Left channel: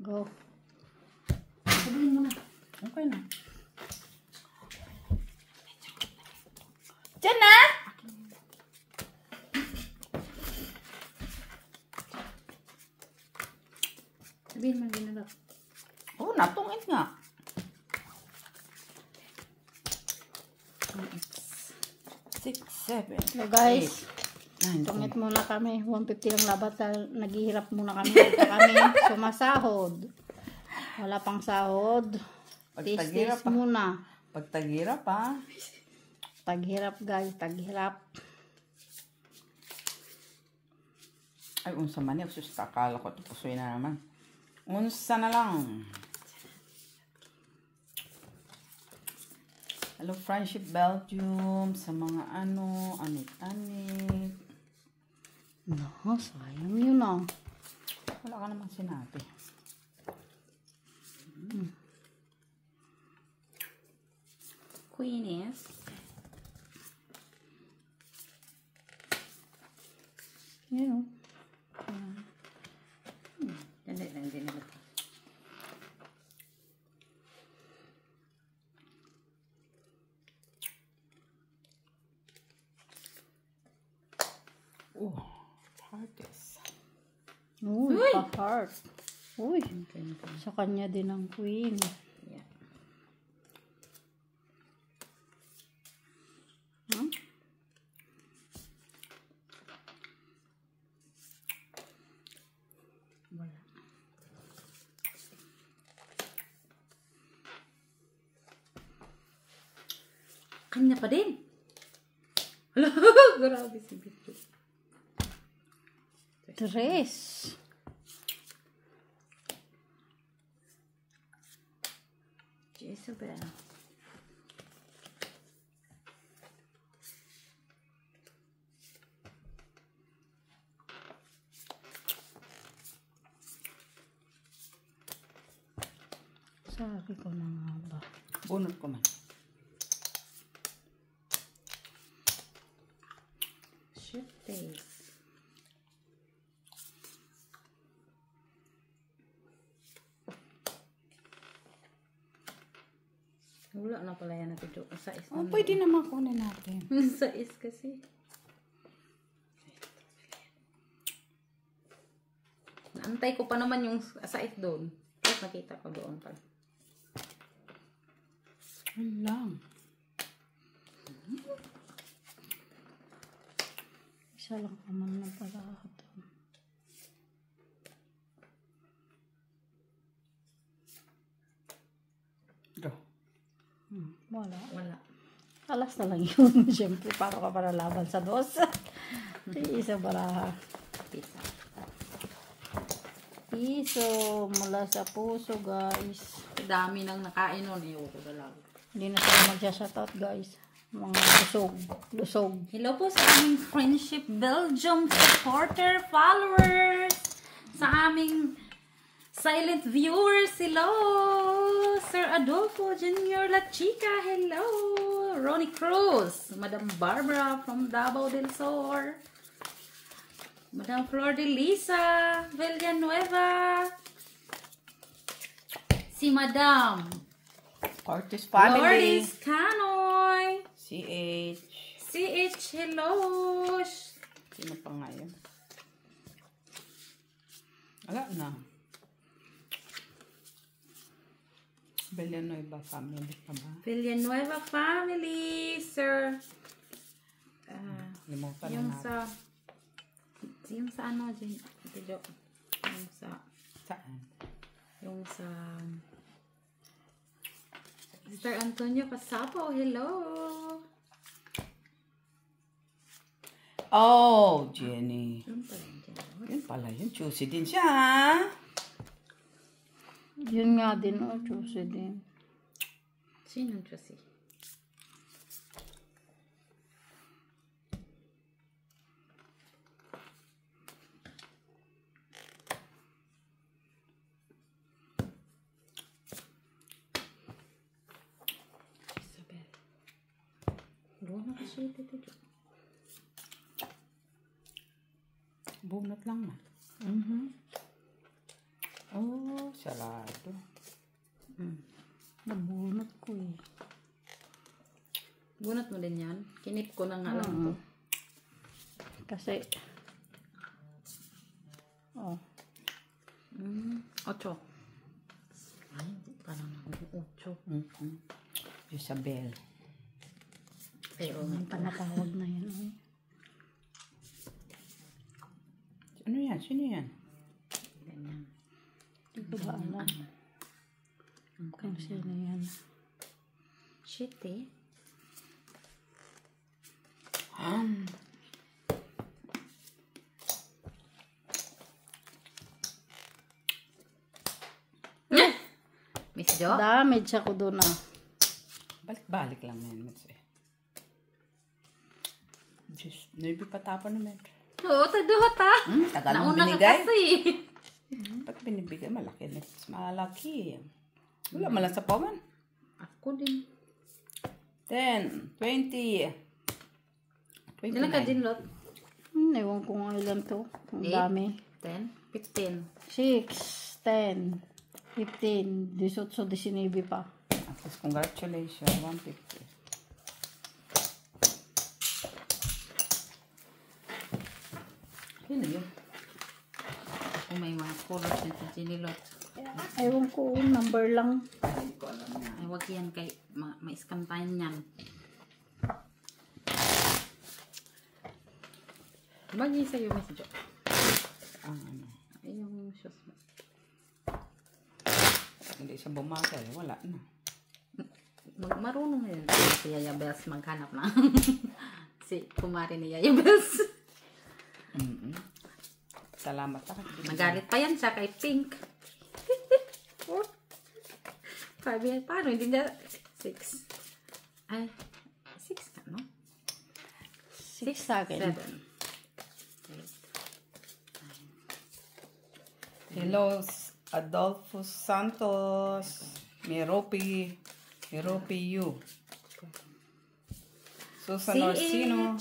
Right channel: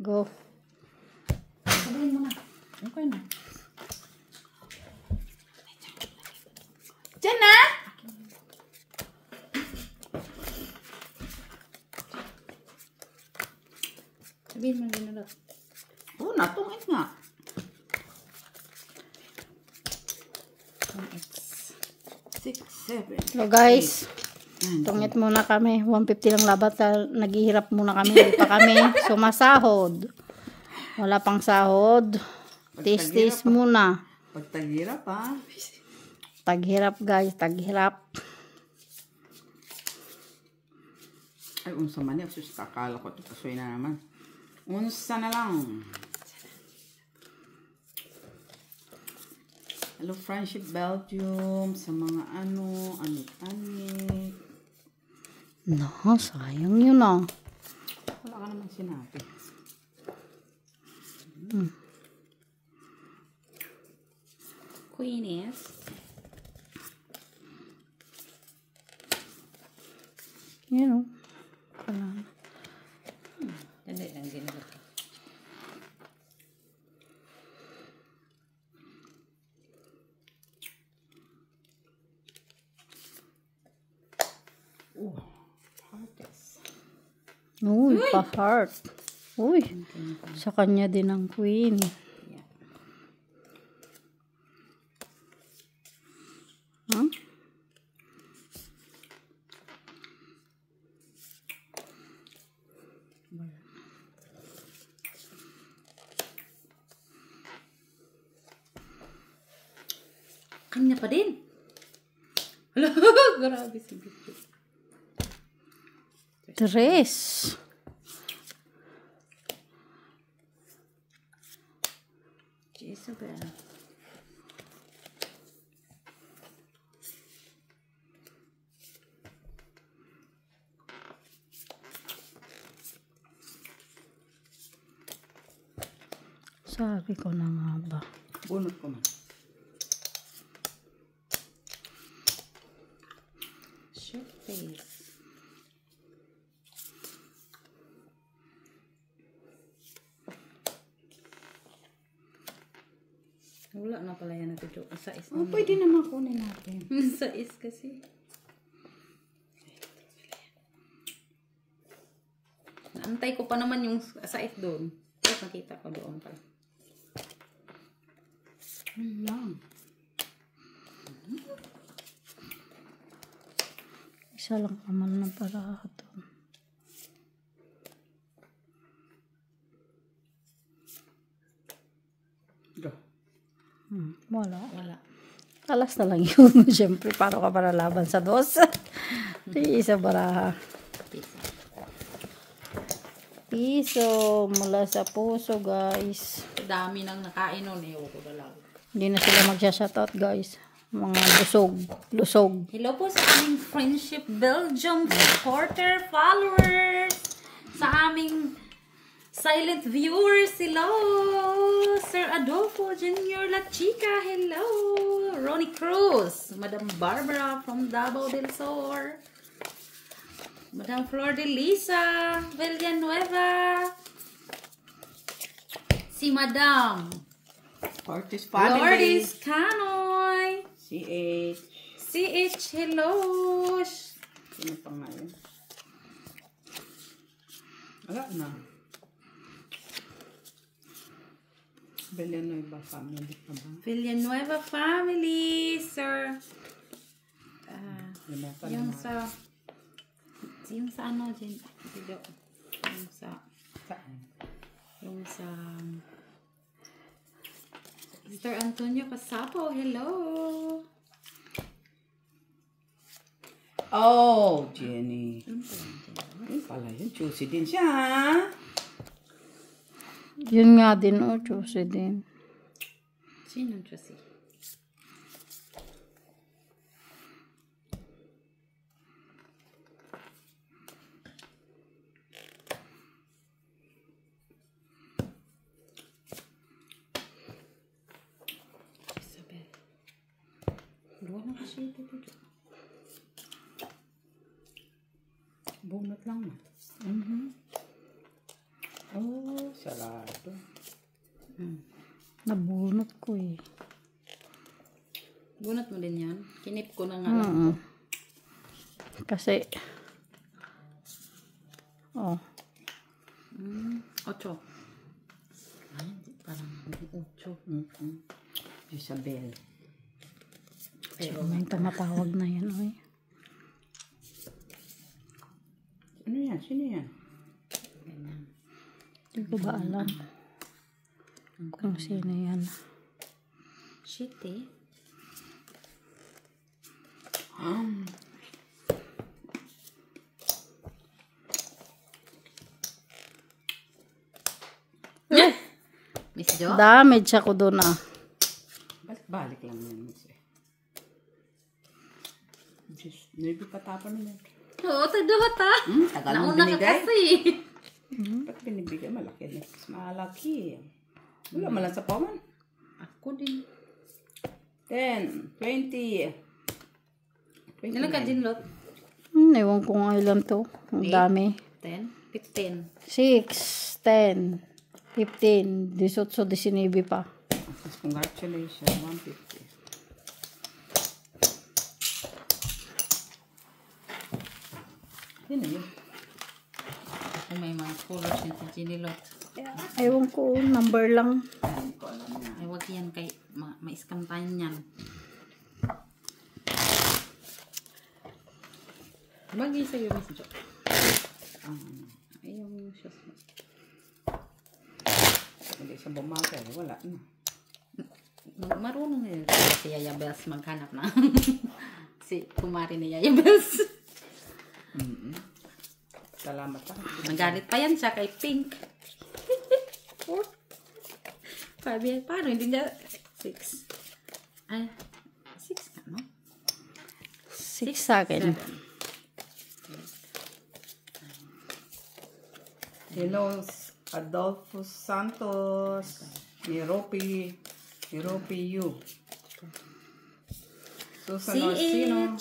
Go. Sabihin mo na. Okay na. Diyan na! Sabihin mo din na. Oh, natungit nga. It's 6, 7. So guys, tungit muna kami. 150 lang labat. Naghihirap muna kami. Hindi pa kami sumasahod. Wala pang sahod. Tis-tis muna. Pag taghirap ha. Taghirap guys. Taghirap. Ay, unsa man yun. Sus, akala ko ito. Kasuy na naman. Unsa na lang. Hello, Friendship Belgium. Sa mga amit-amit. No, sayang yun ah. Wala ka naman sinabi. Queen is You know. Hindi na. Hearts. Uy, pa-heart. Uy, sa kanya din ang queen. Yeah. Huh? Kanya pa din. Grabe si Bito. Tres. Isabel. Sabi ko na nga ba. Bunot ko na. Shit face. Wala na pala yan natin. Sa is Oh, pwede naman kunin natin. Sa is kasi. Naantay ko pa naman yung sa is doon. Tapos nakita ko doon pa. Lang. Isa lang naman na para ito. Go. Wala. Wala. Alas na lang yun. Siyempre, paano ka para laban sa dos? Isa baraha. Piso. Mula sa puso, guys. Dami nang nakain nun eh. Ko dalaw. Hindi na sila magsha-shoutout, guys. Mga lusog. Lusog. Hello po sa aming Friendship Belgium supporter followers. Sa aming silent viewers. Hello. Sir Adolfo Jr. La Chica. Hello. Ronnie Cruz. Madam Barbara from Davao del Sur. Madam Flor de Lisa Villanueva. Si Madam Ortiz family. Lourdes Canoy. CH. CH, hello. Sino pa nga yun? Wala na. Villanueva family pa ba? Villanueva family, sir. Limutan Yung na. sa ano dyan, video. Saan? Yung sa Mr. Antonio Casapo, hello. Oh, Jenny. Yun pala yun. Juicy din siya, ha? Yun nga din, oh. Juicy din. Sino Josie? Isabel. Luwa na kasi ito. Bunot lang, ma. Oh, sarap. Kinip ko na nga lang to. Kasi, oh. 8. Ay, parang 8. Isabel. Pero May tumatawag na yan, oy. Ano yan? Sino yan? ganyan. Hindi ko ba alam kung sino yan. Shit eh. Miss Jo? Damage ako doon ah. Balik-balik lang yan. Diyos, nabi patapon naman. Oo, tadot ha. Tagal mo Nauna ka binigay. kasi. Ba't binibigay? Malaki. Mas malaki. Wala man lang sa pawan. Ako din. 10, 20. Ilan ka din, Lot? Ewan ko nga ilan to. Ang dami. 10? 15. 6, 10, 15, 18, 19 pa. Tapos congratulations, 150. Ano yun? Kung may mga colors yun si Jenny Lot. Ewan ko, number lang. Hindi ko alam na. Ay, wag yan kay ma-scam tayo niyan. Bagay sa'yo, Miss Jo. Ay, yung shoes mo. Hindi siya bumagal. Wala na. Marunong yun. Si Yaya Bells maghanap na. Si kumari ni Yaya Bells. Salamat ha. Nagalit pa yan siya kay Pink. Sabi niya, paano? Hindi niya 6. Ay, 6 ka, no? 6 sa akin. 7. Hello, Adolfo Santos. Meropi U. Susan Orsino.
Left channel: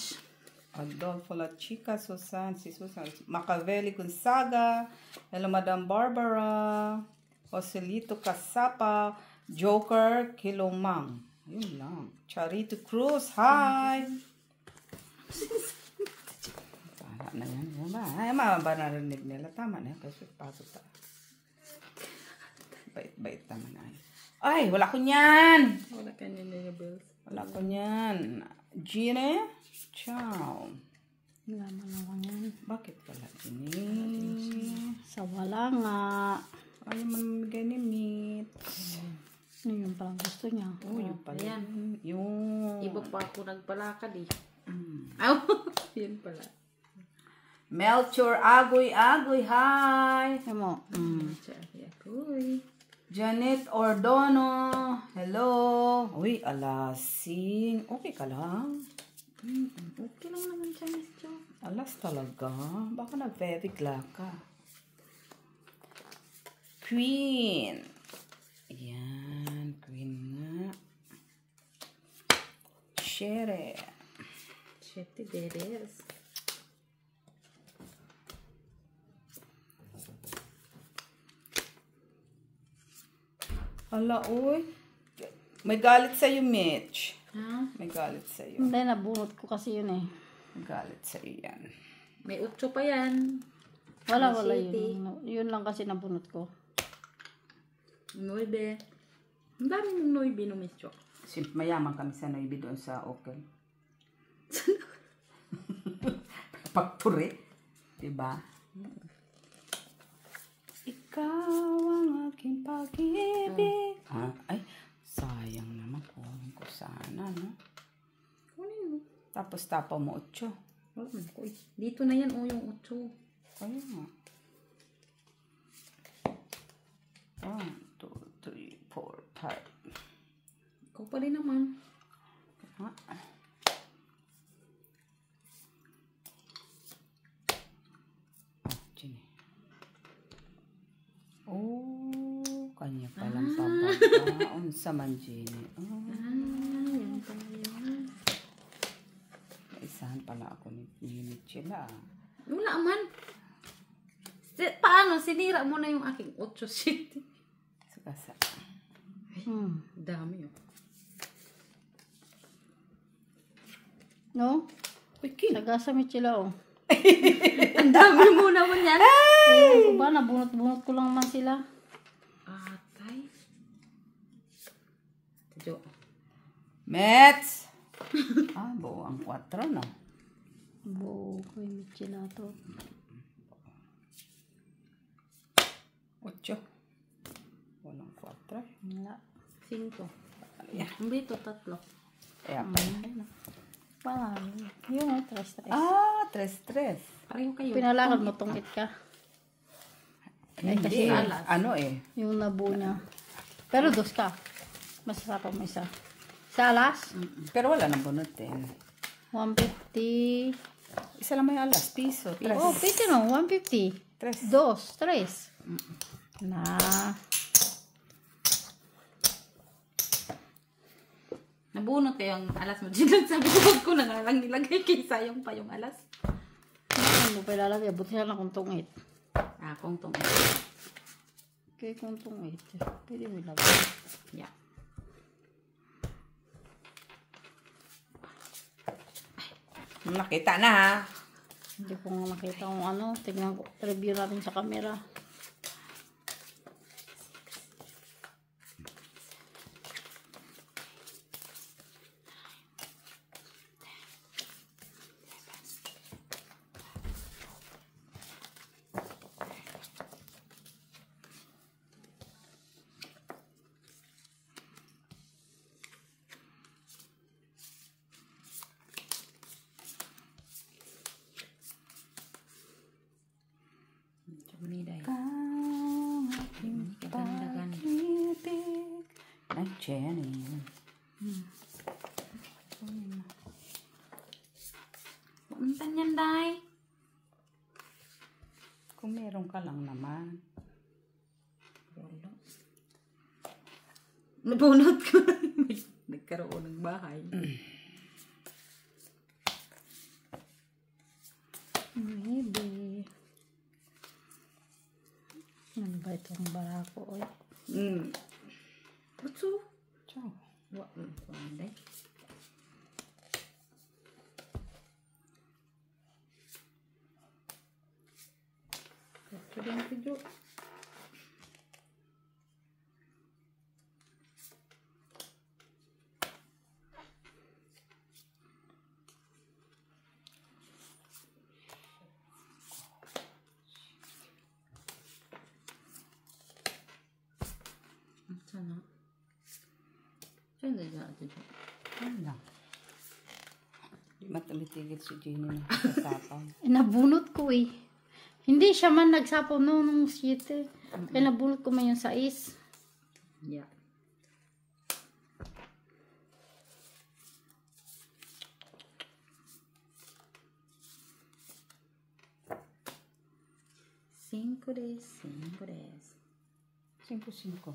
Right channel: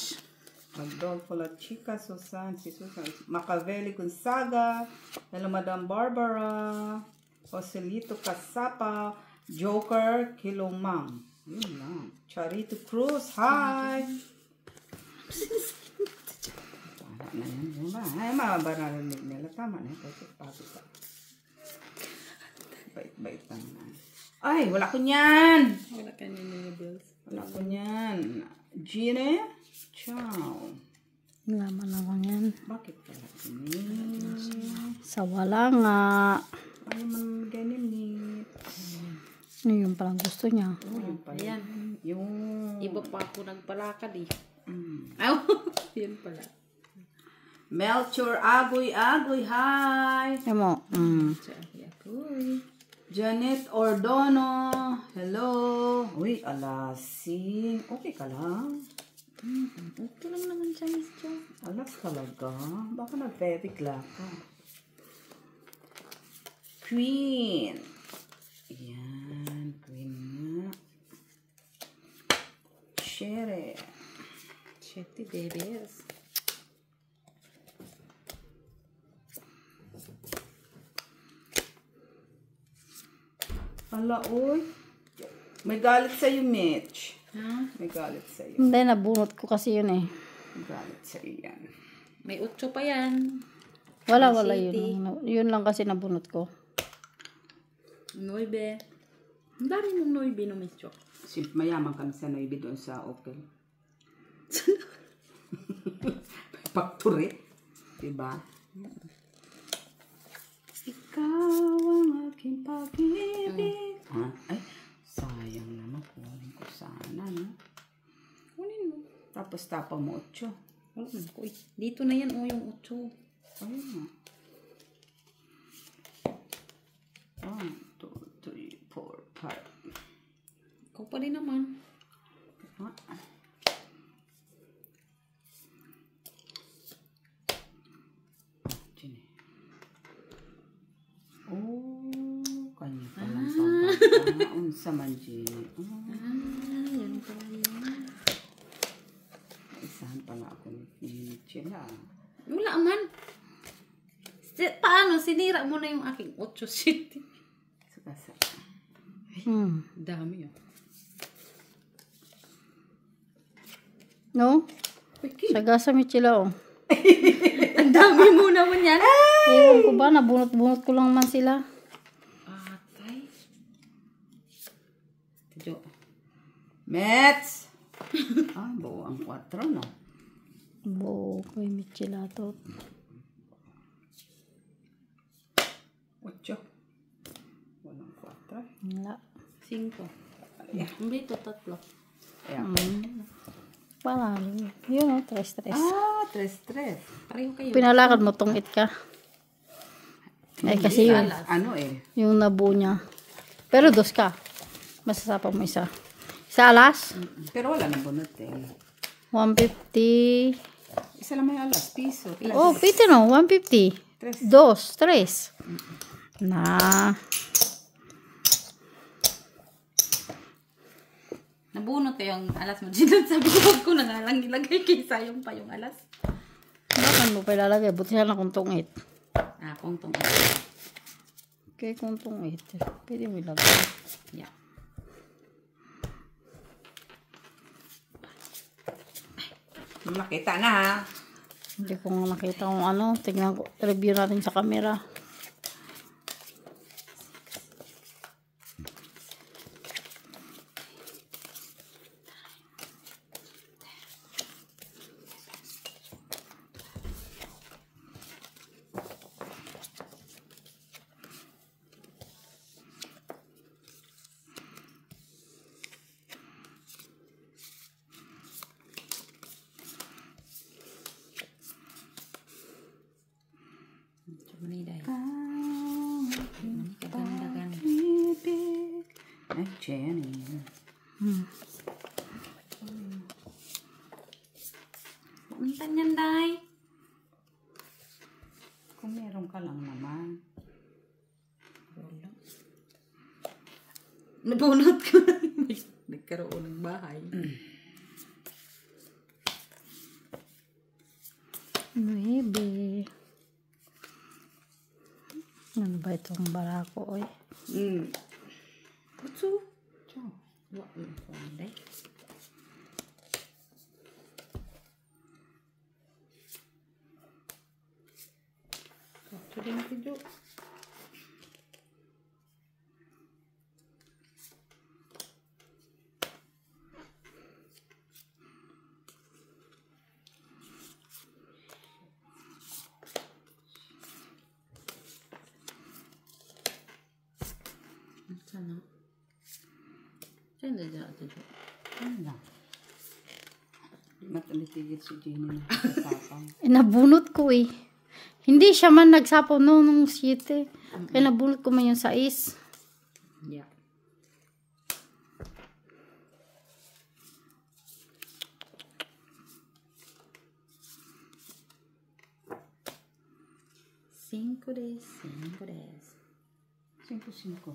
Adolfo La Chica, Susan, si Susan. Macavelli Gonzaga. Hello, Madam Barbara. Joselito Casapa. Joker Kilomang. Yun lang. Charito Cruz. Hi. Tama na yan. Ay, mabarinig nila. Tama na. Pagod pa. Bait-bait naman ay. Ay, wala ko niyan. Wala ka ni Yaya Bells. Wala ko niyan. Gine? Ciao. Naman naman yan. Bakit pala ini? Sa wala nga. Ay, mamigay ni Meat. Ano yung palang gusto niya? Oh, yung pala. Ayan. Yung... Iba pa ako nagpalakad eh. Ay, yun pala. Melchor Agoy. Hi. Yan mo. Uy. Janet Ordono. Hello. Uy, alasing. Okay ka lang? Okay lang naman siya, Miss Jo. Alas talaga. Baka nabibigla ka. Queen. Yan. Queen nga. Shere. Shitty babies. Hala, uy. May galit sa'yo, Mitch. Ha? May galit sa'yo. Hindi, nabunot ko kasi yun eh. May galit sa'yo yan. May 8 pa yan. Wala May yun. Yun lang kasi nabunot ko. 9. Ang dami ng 9 no, Miss Jo. Mayaman kami sa Navy doon sa Open. Factory. Diba? Ikaw ang aking pag-ibig. Ay, sayang naman. Kunin ko sana, no? Kunin mo. Tapos tapa mo 8. Uy, dito na yan, yung 8. Ayun nga. 1, 2, 3, 4, 5. Ikaw pa rin naman. Gini. Oh, kanya palang pababa. Unsa man, Gini. Yan pala yan. Isahan pala ako ni Chila. Wala man. Paano? Sinira mo na yung aking 8 city. Sukasa. Dami yun. No? Wiki. Sagasa Michila, oh. Ang dami mo naman yan. Ewan ko ba, nabunot-bunot ko lang naman sila. Atay. Tiyo. Mets! Ay, buo ang 4 na. Bo, kay Michila to. 8. Walang 4. Wala. 5. Hindi to 3. Ayan. Panalo. Yun, oh, 3-3. Ah, 3. Pareho kayo. Pinalakad mo, tungit ka. Eh, kasi yun, Ano eh? yung nabu niya. Pero 2 ka. Masasapa mo isa. Isa alas? Pero wala nang bunot eh. 150. Isa lang may alas. Piso. Oh, pito no, 150. 2, 3. Na. Nabunot ko yung alas mo. Sabi ko, huwag ko na nga lang ilagay kay sayang pa yung alas. Ano mo pa ilalagay? Buti siya na kung tungit. Kung tong. Okay, kung tungit. Pwede mo ilagay. Yeah. Nakita na ha. Hindi ko nga nakita kung ano. Tignan ko. Review natin sa camera. Maniday. Kagandagan. Ay, Jenny. Untan yan, Day. Kung meron ka lang naman. Nabunot ko lang. Nagkaroon ng bahay. Maybe. Ano ba itong barako, oy? Butso. Ciao. Day. Ito din video. Sana. Saan na dito? Ano lang. Matumitigil si Jenny na sasapang. Nabunot ko eh. Hindi siya man nagsapaw nung 7. Kaya nabunot ko man yung 6. Yeah. Cinco des. 5-5. 5-5.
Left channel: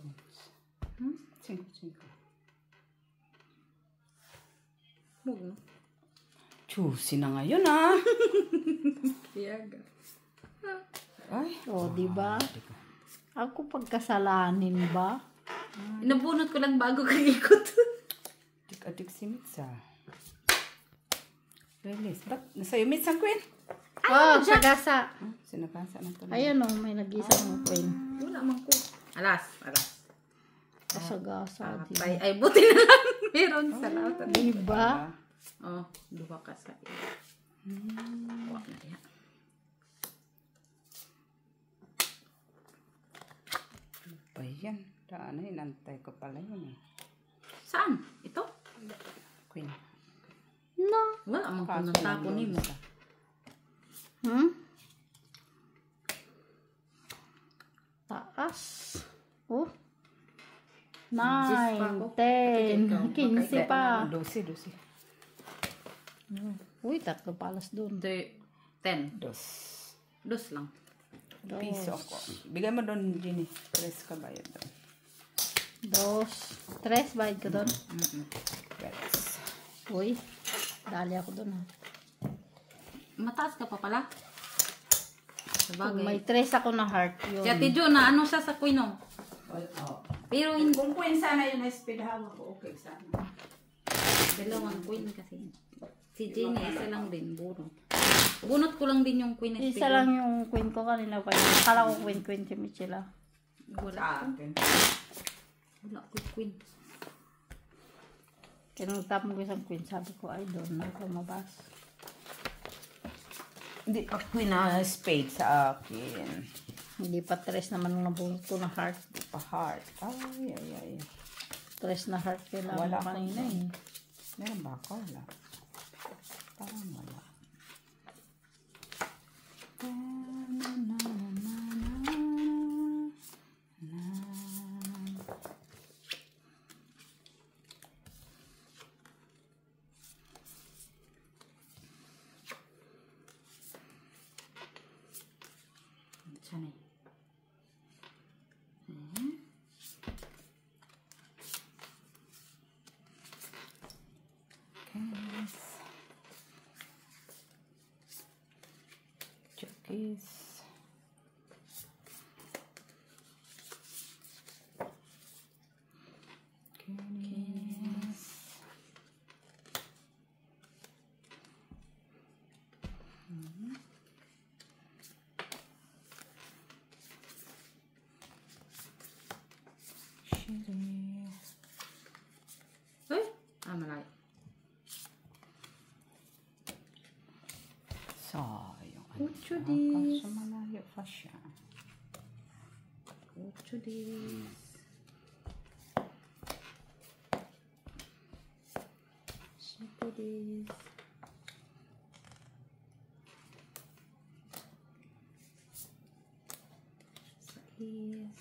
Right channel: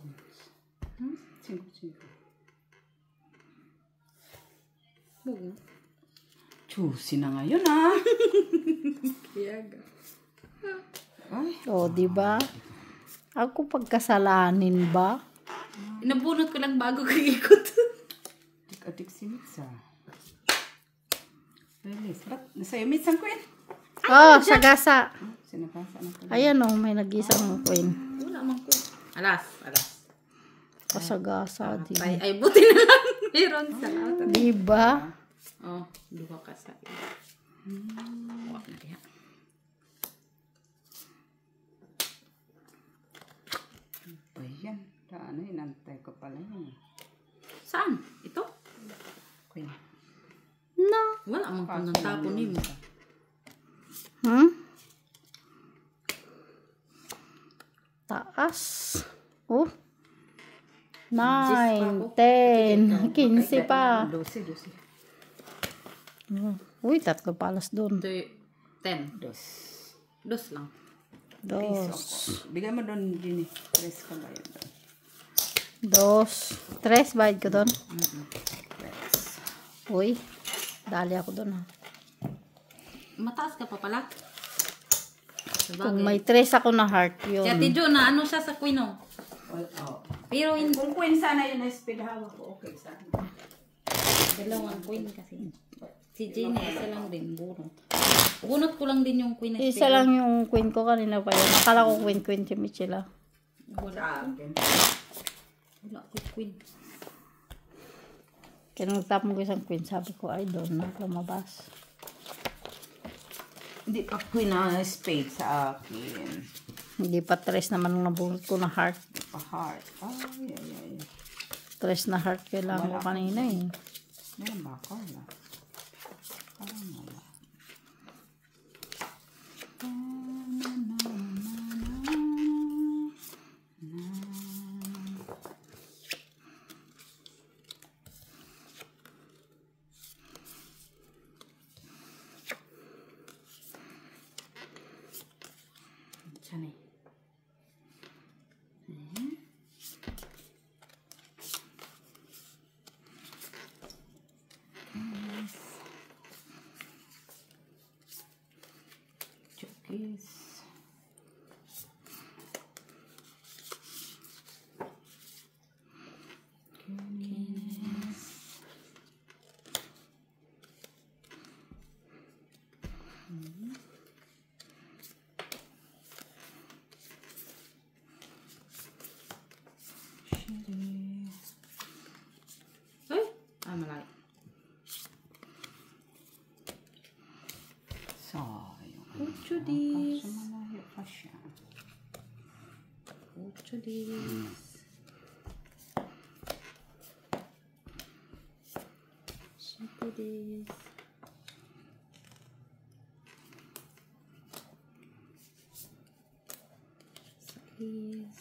Buo. Juicy na ngayon ah. Piyaga. Ay. O, di ba? Ako pagkasalanin ba? Nabunot ko lang bago kikot. Adik si Mitsa. Release. Ba't nasa'yo Mitsa ang queen? Oh, sagasa. Sinapasa ng pala. Ayan o, may nag-isa ng queen. Wala man ko. Alas. Pasagasa, di ba? Ay, buti na lang. Meron sa lahat. Di ba? Oh, duha ka sa iyo. Wala na diya. Ba yan? Daan na hinantay ko pala yun eh. Saan? Ito? Queen. No. Wala man ko ng tapon mo. Hmm? Taas. Oh. 9, 10, 15 pa. 12. Uy, 3 palas doon. 10. 2. Dos lang. Piso 2, ako. Bigay mo doon, Jenny. 3 ka ba yun? 2, 3, bayad ko doon. Yes. Uy, dali ako doon. Mataas ka pa pala. Kung may 3 ako na heart, yun. Kaya tidyo na ano siya sa queen oh. Oh. Pero hindi. Kung queen sana yun na speed hawak ko, okay sana. Dalawang queen kasi. Si Jenny, isa lang din, bunot. Bunot ko lang din yung queen. Isa lang yung queen ko kanina pa yun. Akala ko queen si Michela. Wala ko queen. Kaya nung tap mo ko isang queen, sabi ko, ay doon na ako mabas. Hindi pa queen na spade sa akin. Hindi pa tres naman nung nabunot ko na heart. Pa-heart. Ay. Tres na heart kailangan ko kanina eh. Meron ba ako? Wala. Parang wala. Sana. Chokis. Malaki. Sayang. Ocho dis. Kaso malayo pa siya. Ocho dis. Siete dis. Seis.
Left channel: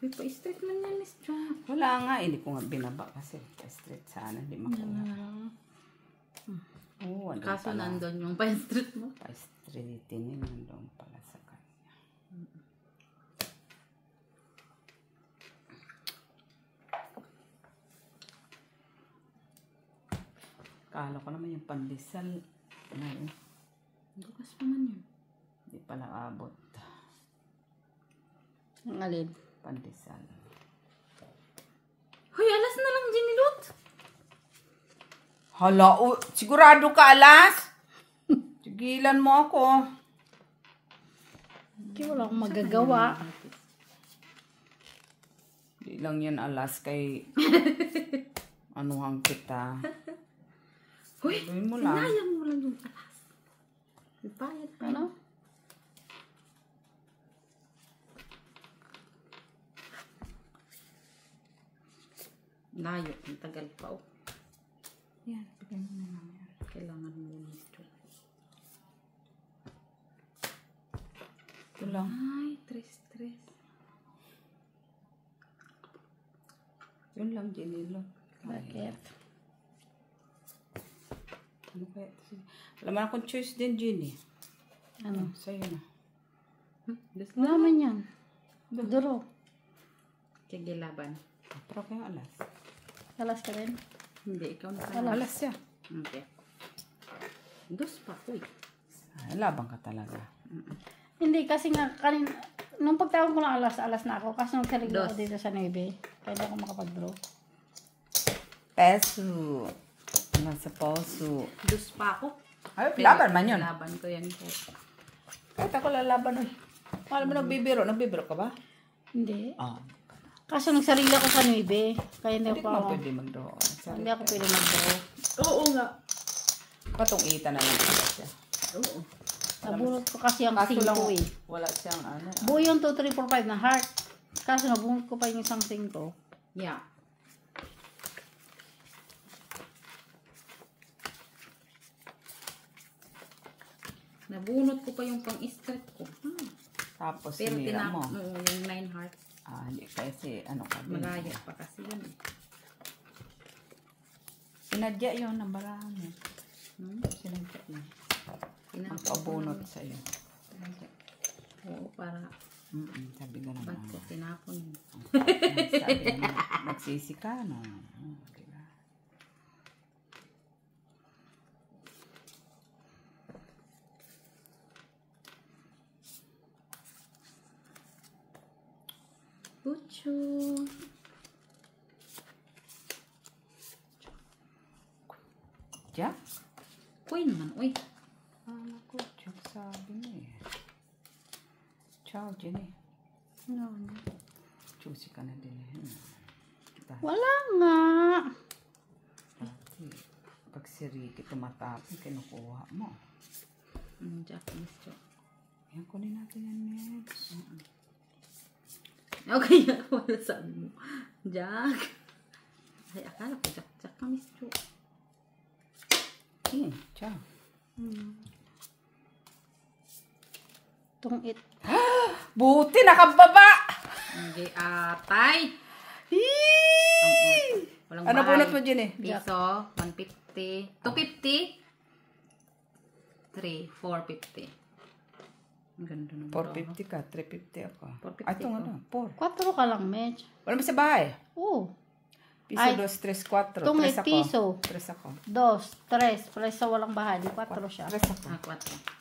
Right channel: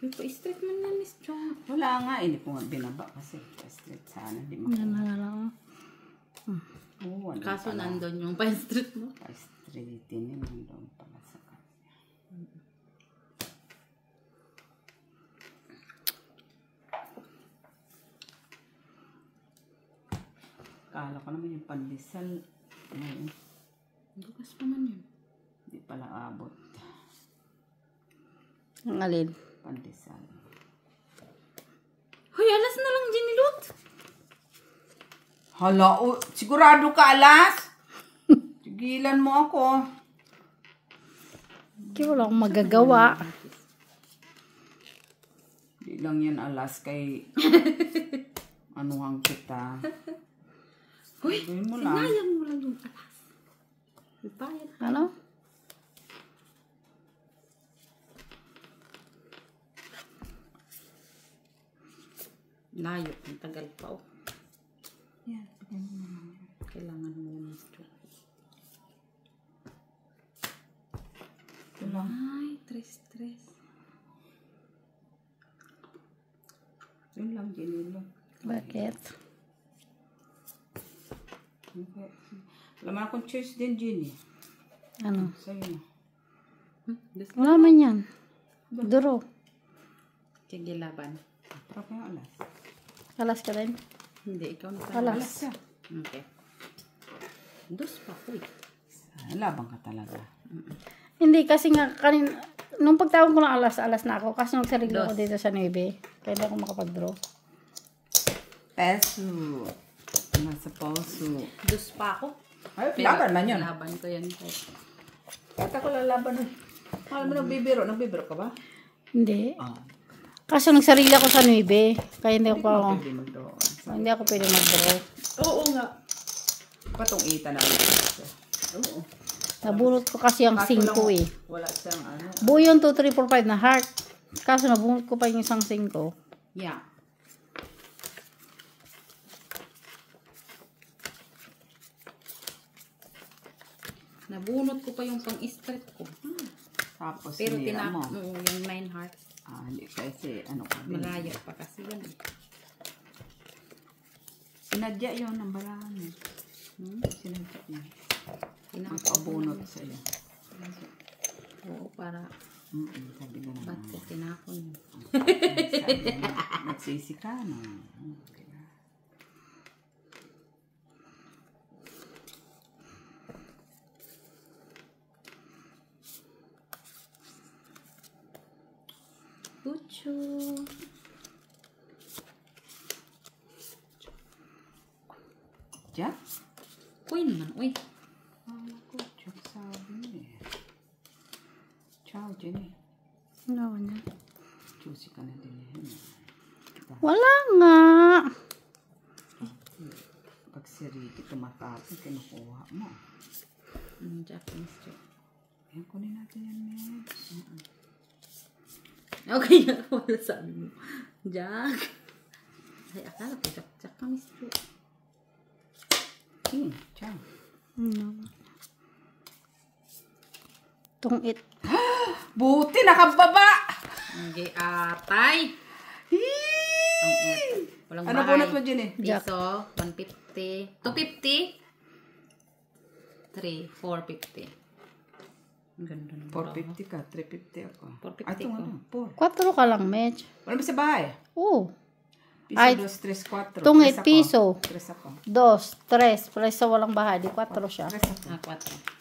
Uy, pa-straight man yan, Miss John. Wala nga, hindi ko nga binaba kasi straight sana, hindi Yan makuha. na lang. Oo, ano Kaso pala. nandun yung pa-straight mo. Pa-straightin yun, nandun pala sa kanya. Kala ko naman yung pandesal. Ano, Bukas pa man yun. hindi pala abot. Ang alin. Pandesal. Hoy, alas na lang, Ginilot. Hala, sigurado ka alas? Tigilan mo ako. Kaya wala akong magagawa. Di lang yan alas kay anuhang kita. Uy, Gawin mo lang. sinayang mo lang yung alas. Bayad. Ano? Layo, ang tagal pa. Oh. Yan, bigyan mo naman yan. Kailangan mo nito. Ito lang. Ay, tres. Yun lang, Jenny. Bakit? Okay. Wala man akong choice din, Jenny. Ano? Sa'yo na. Wala man yan. Duro. Sige, laban. Pero kaya alas. Alas ka rin. Hindi, ikaw na. Alas. Alas siya. Okay. Dos pa ko eh. Labang ka talaga. Hindi kasi nga kanina, nung pagtawag ko ng alas na ako. Kasi nung sarili ko Dos. dito sa 9. Kaya hindi ako makapag-draw. Peso. Nasa puso. Dos pa ako. Ay, laban man yun. Laban ko yan po. Kahit ako lalaban eh. Alam mo, nagbibiro. Nagbibiro ka ba? Hindi. Ah. Kasi nung sarili ako sa 9. Kaya hindi Hindi ko ako, pwede mag-draw. hindi ako pwede mag-draw. Oo nga. Patong ita na lang siya. Oo. Nabunot ko kasi ang 5 eh. Wala siyang ano. Buo yun 2, 3, 4, 5 na heart. Kaso nabunot ko pa yung isang 5. Yeah. Nabunot ko pa yung pang-strip ko. Tapos Pero sinira mo. yung 9 hearts. Hindi kasi ano ka. Malayo pa kasi yun. Sinadya yun ang marami. Hmm? Sinadya yun. Tinapon. Magpabunot sa'yo. Oo, para Sabi nga ba't naman. ko tinapon. Sabi nga, nagsisi ka na. Diba? Pucho. Jack? Queen man. Uy. Kala ko, Jack sabi niya eh. Ciao, Jenny. Ano na? Choosy ka na din eh. Wala nga. Pag si Ricky tumatapi, kinukuha mo. Jack, Miss Jack. Yan, kunin natin yan, Meds. Okay, wala sabi mo. Jack. Ay, akala ko Jack. Jack ka, Miss Jack. Kim, ciao. Tungit. Buti, nakababa! Hindi, atay. Walang Ano bunot mo, Jenny? Piso, 150. 250. 3, 450. Ang ganda naman. 450 ka, 350 ako. 450 Ay, ito ko. ano, 4. 4 ka lang, Medj. Wala ba sa bahay? Oo. Piso, Ay, 2, 3, 4. tungit, piso. 3 ako. 2, 3. Pala sa walang bahay. Di 4 siya. 3 ako. 4.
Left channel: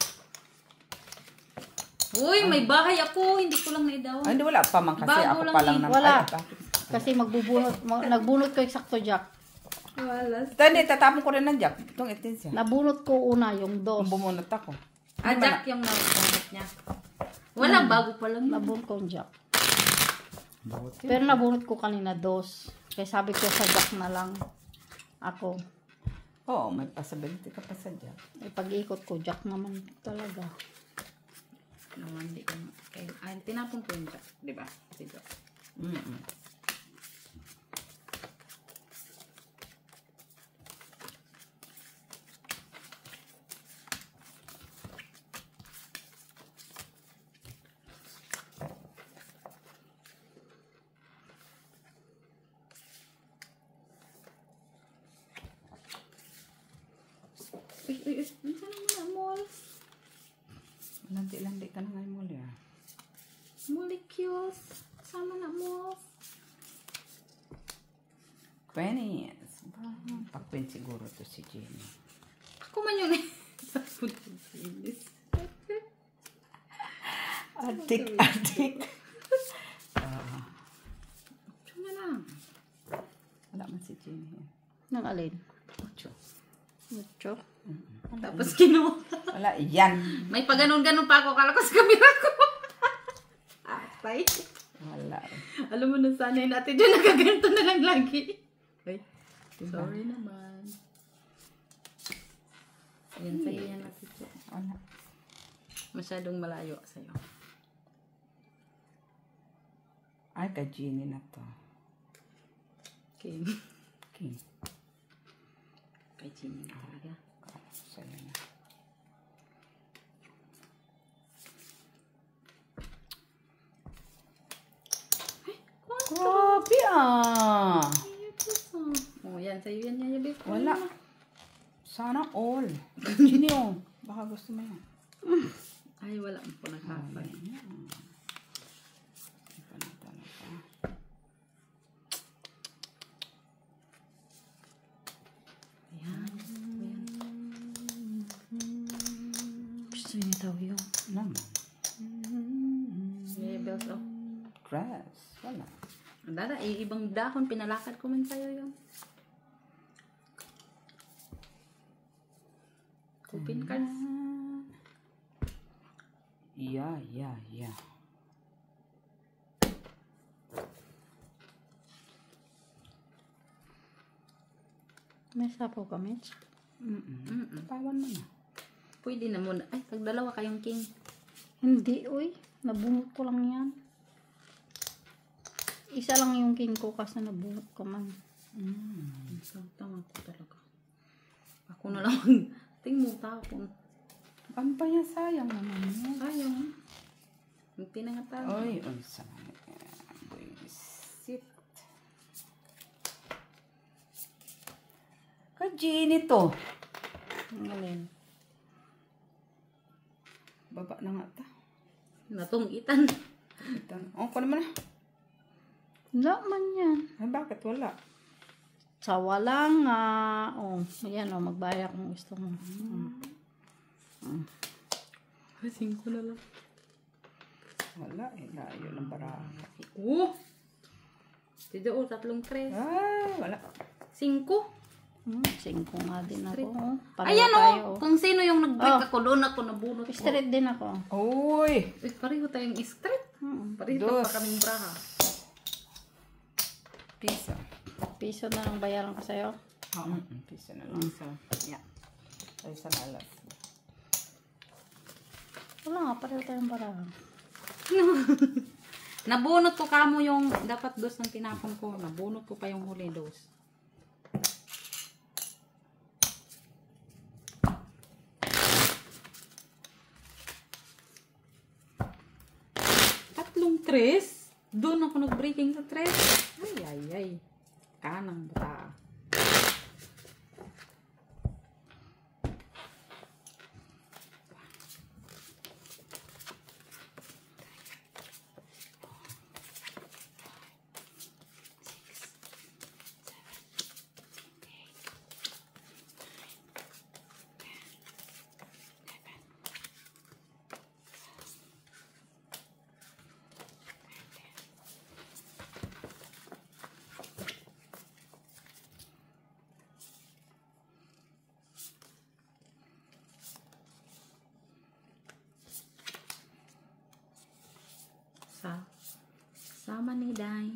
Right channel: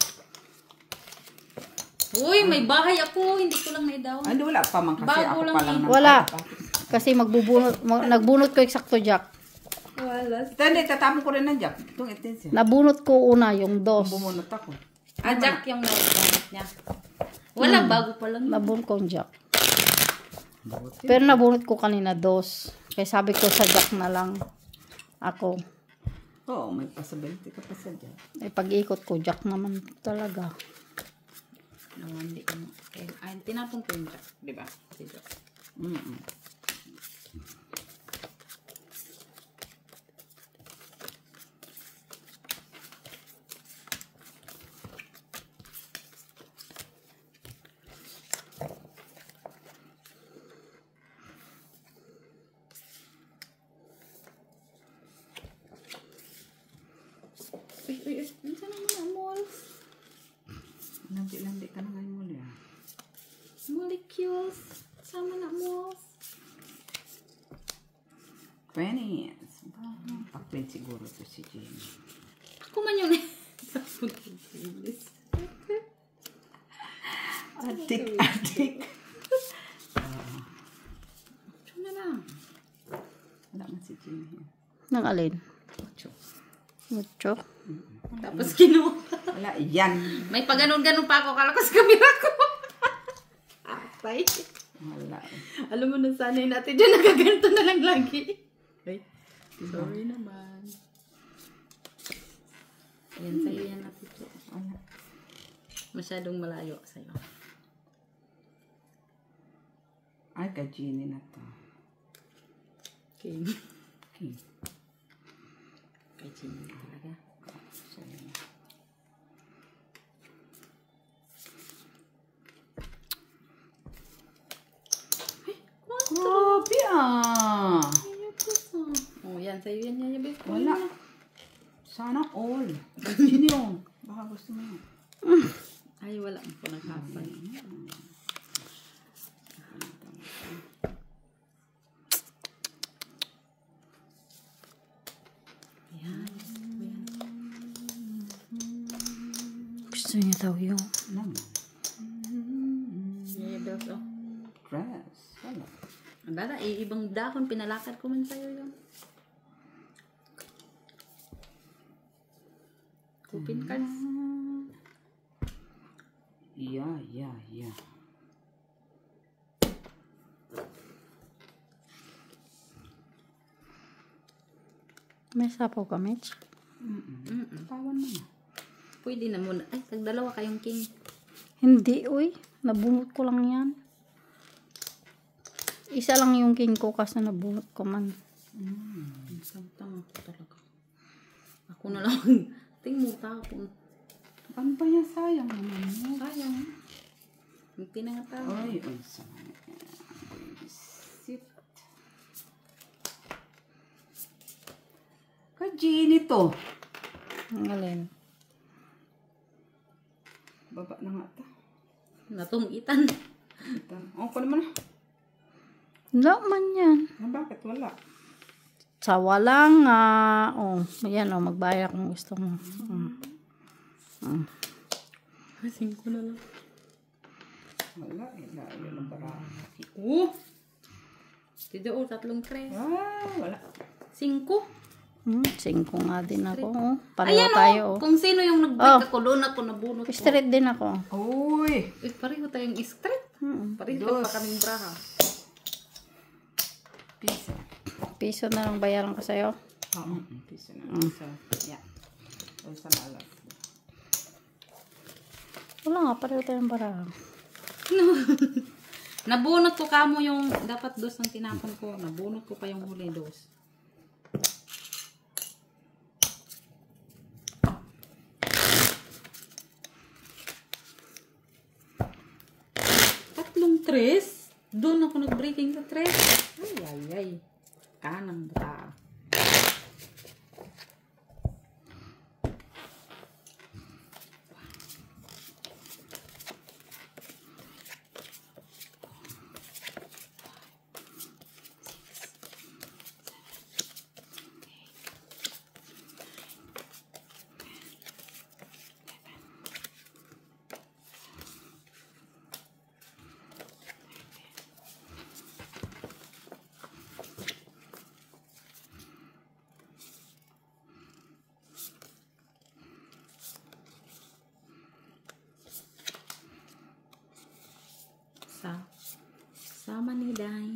Uy, may bahay ako. Hindi ko lang naidaw. Ay, hindi, wala pa man kasi. Bago Ako lang pa lang eh. naman. Wala. Ay, Kasi nagbunot ko eksakto, Jack. Wala. ito, hindi, tatapon ko rin ng Jack. Tungit din siya. Nabunot ko una yung Kung 2. bumunot ako. Jack yung nabunot niya. Wala, bago pa lang. Nabunot ko yung Jack. Buti. Pero nabunot ko kanina 2. Kaya sabi ko sa Jack na lang ako. Oo, may possibility ka pa sa Jack. Eh, pag-ikot ko, Jack naman talaga. Hindi ko. Ay, tinapon ko yung Jack. Diba? Si Jack. Uy, minsan naman na malls. Landi ka na ngayon muli. Molecules. Sama na malls. Pennies. Pakpin siguro to si Jenny. Kuman yun eh. Adik. Ito na lang. Wala man si Jenny. Nang alin? Cho. Mucho. Tapos kinuha. Wala, yan. May paganon-ganon pa ako. Kala ko sa kamera ko. Atay. Wala. Alam mo na sanay natin dyan. Nagaganto na lang lagi. Ay, sorry naman. Ayan sa'yo yan natin po. Wala. Masyadong malayo sa'yo. Ay, ka Jenny na to. Okay. King. Kay Jimmy na talaga. Sa'yo na. Grabe ah. Oh, yan sa'yo yan. Yan, yan. Wala. Sana all. Jenny oh. Baka gusto mo yan. Ay, wala mo po nagkapal. Ayan. Gusto niya daw yung Naman. Yung bills, oh. Dress. Wala. Ang dara, ibang dahon. Pinalakad ko man sa'yo yun. Kupin ka. Yeah. may sapaw ka, Mitch. Tawan mo na. Pwede na muna. Ay, tagdalawa kayong king. Hindi, uy. Nabunot ko lang yan. Isa lang yung king ko kasi nabunot ko man. Tama ko talaga. Ako na lang. Tingin mo tapon. Ano pa niya? Sayang naman mo. Sayang. Hindi na nga tayo. Ay, sayang. Sit. Ka Jenny to. Ang alin. Baba na nga ta. Natungitan. Oh, pa naman na. Wala man yan. Ay, bakit wala? Sa wala nga. Oh, yan oh, magbayad kung gusto mo. Kasing ko na lang. Wala. Yun ang barang. Tido, 3 tres. Wala. 5. 5 nga din ako. Oh. Pareho Ayan tayo. o, kung sino yung nag-break Oh. ako, doon ako nabunot ko. Straight din ako. Uy! Pareho tayong straight. Pareho Dos. pa kaming braha. Piso. Piso na lang bayaran ko sa'yo. Oo. Piso na lang. Isa. Yeah. Isa na lang. Wala nga, pareho tayong barahan. Nabunot ko kamo yung dapat dos ang tinapon ko. Nabunot ko pa yung huli dos. Tatlong tres. Doon ako nag-breaking sa tres. Ay. Kanang bata. Sama ni Day.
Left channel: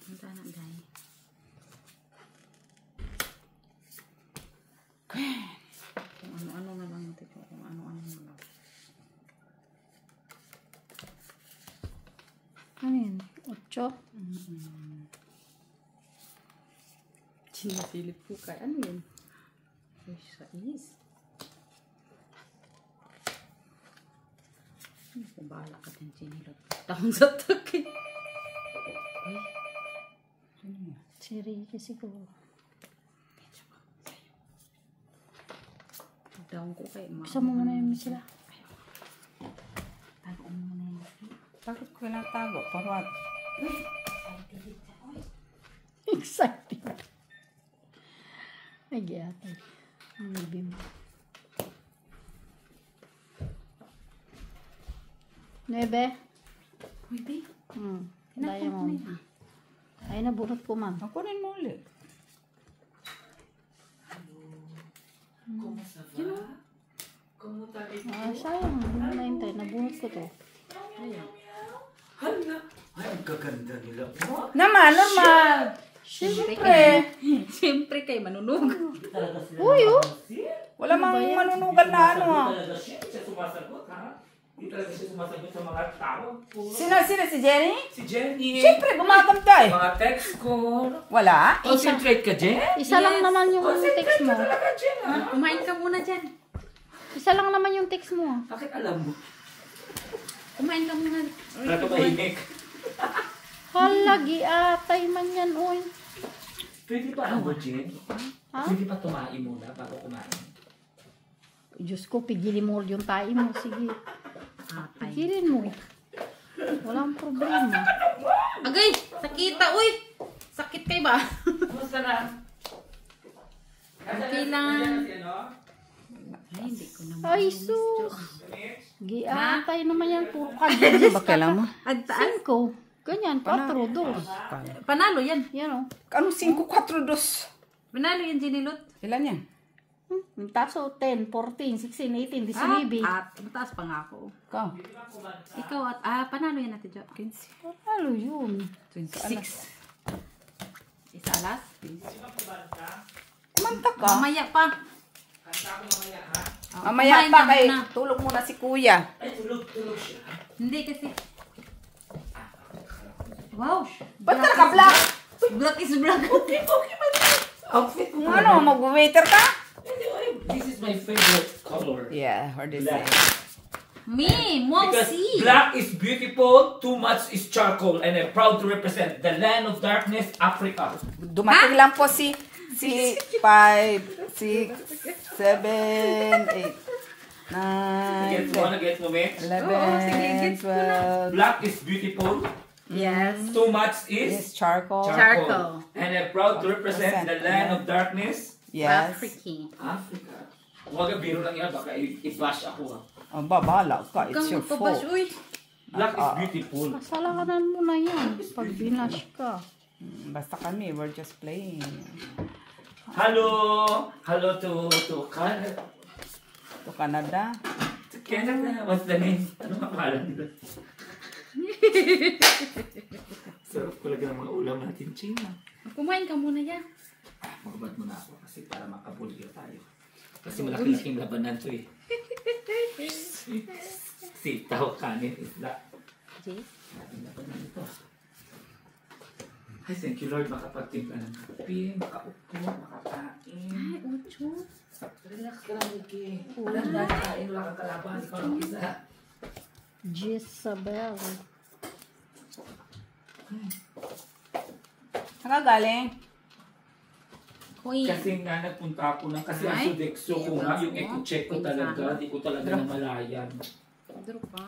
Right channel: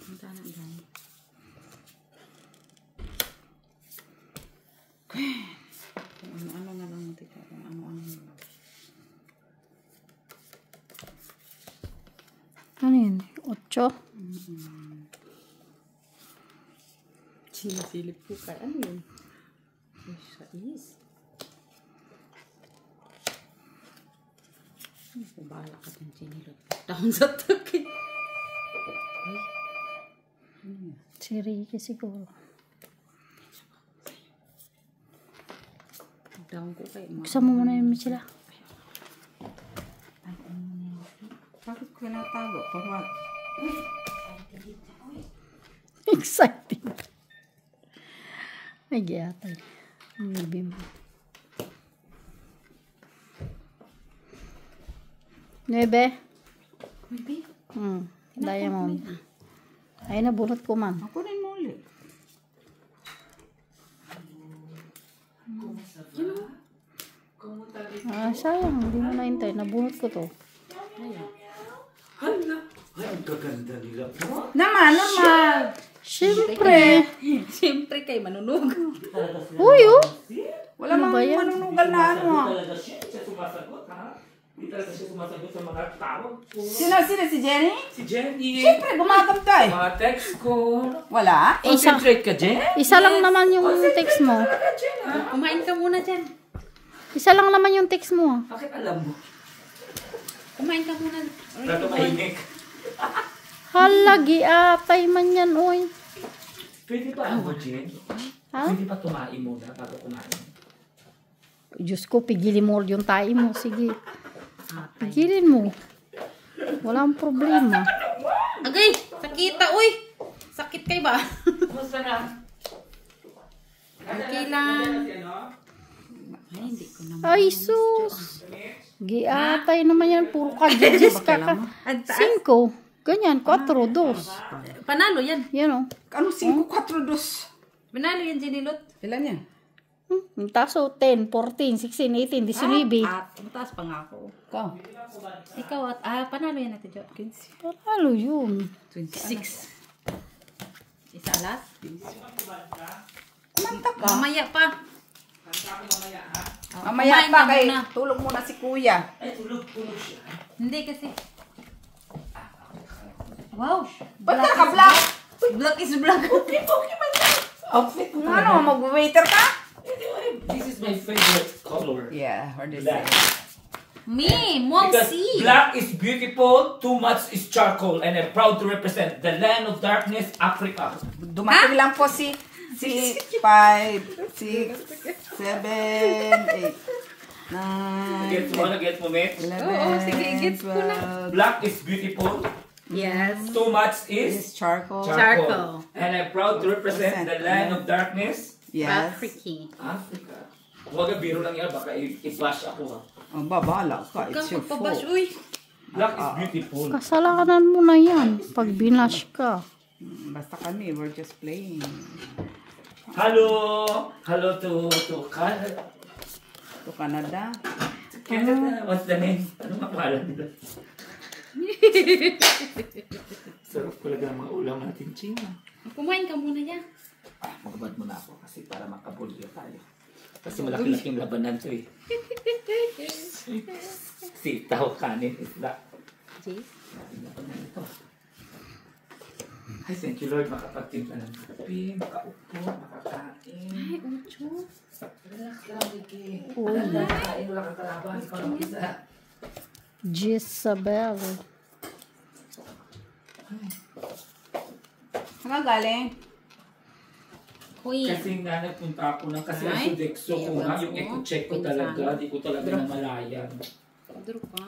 Punta na Day. Ano na lang natin. Ano. Ano yun? 8? Sinisilip ko kay ano yun? Is. Bahala ka din sinilot. Down sa taki. Si Ricky siguro. Down ko kay Gusto mo muna yun sila. Tago mo na yun. Bakit ko natago? Parang Excited. Ay, giyatay. Ang libi mo. 9. Pwede. Diamond. Ay, nabunot ko man. makunin mo ulit. Sayang. Hindi mo naintay. Nabunot ko to. Hala! Ay, ang gaganda nila. Naman! Siyempre. Siyempre kay manunog. Uy, oh. Wala mang ba yan? manunugal na ano ah. Talaga siya. Siya sumasagot, ha? Hindi talaga siya sumasagot sa mga tawag ko. Sino si Jenny? Si Jenny. Siyempre, gumagam ka eh. Mga text ko. Wala? Concentrate ka, Jen. Isa lang naman yung text mo. Talaga, Jen, ha? Kumain ka muna dyan. Isa lang naman yung text mo. Bakit alam mo? Kumain ka muna. Wala ka mahimik. Halagi, atay man yan, uy. Pwede ba ako, Jen? Ha? Pwede pa tumain muna bago kumain. Diyos ko, pigilin mo yung tayo mo. Sige. Pigilin mo. Walang problema. Agay! Sakita, uy! Sakit kayo ba? Kumusta na? Okay lang. Ay, hindi ko naman. Ay, sus. Giatay naman yan. Puro ka. Jijis ka ka. 5. Ganyan. 4, 2. Panalo yan. Yan o. Ano 5-4-2? Panalo yan, Jinilot. Ilan yan? Taso 10, 14, 16, 18, 19. At mataas pa nga ako. Ikaw? Ikaw at, panalo yan natin, Jo. 15. Ano yun? 26. Isa alas. Kumanta ka. Mamaya pa. Mamaya Kumain pa ka kay muna. tulog muna si kuya. Ay, tulog siya. Hindi kasi. Wow! Ba't ka naka-black? Black is black. Okay man. Outfit mo ano, mag-waiter ka? This is my favorite color. Yeah, or the Black. Me! Wow, Because see! black is beautiful, too much is charcoal, and I'm proud to represent the land of darkness, Africa. Dumating lang po si 5, 6, 7, 8, 9, Get mo, get mo, mate? 11, Oo, sige, gets ko na. 12. Black is beautiful, Yes. too much Yes, is charcoal. Charcoal. And I'm proud to represent the land of darkness, Yes. Africa. Africa. Huwag biro lang yan, baka i-bash ako, ha. Oh, bahala ka. It's Ikaw your magpabash, fault. uy. Black is beautiful. Kasalanan mo na yan pag binash ka. Basta kami, we're just playing. Hello! Hello to Canada. To Canada. Canada, what's the name? Ano ang pangalan nila? Sarap talaga ng mga ulam natin, China. Kumain ka muna yan. Magabad mo na ako kasi para makabulyo tayo. Kasi malaki-laking labanan to eh. Sitaw, kanin, isda. Jay? Malaking labanan ito. Ay, thank you Lord, makapagtimpla ng kape, makaupo, makakain. Ay, ucho. Relax ka lang, Ricky. Wala na kain, wala kang kalaban, ikaw lang isa. Jezabel. Saan ka galing? Uy. Kasi nga nagpunta ako ng kasi ang Ay, Sodexo ko nga, yung eco-check ko talaga, di ko talaga namalayan. Duro pa.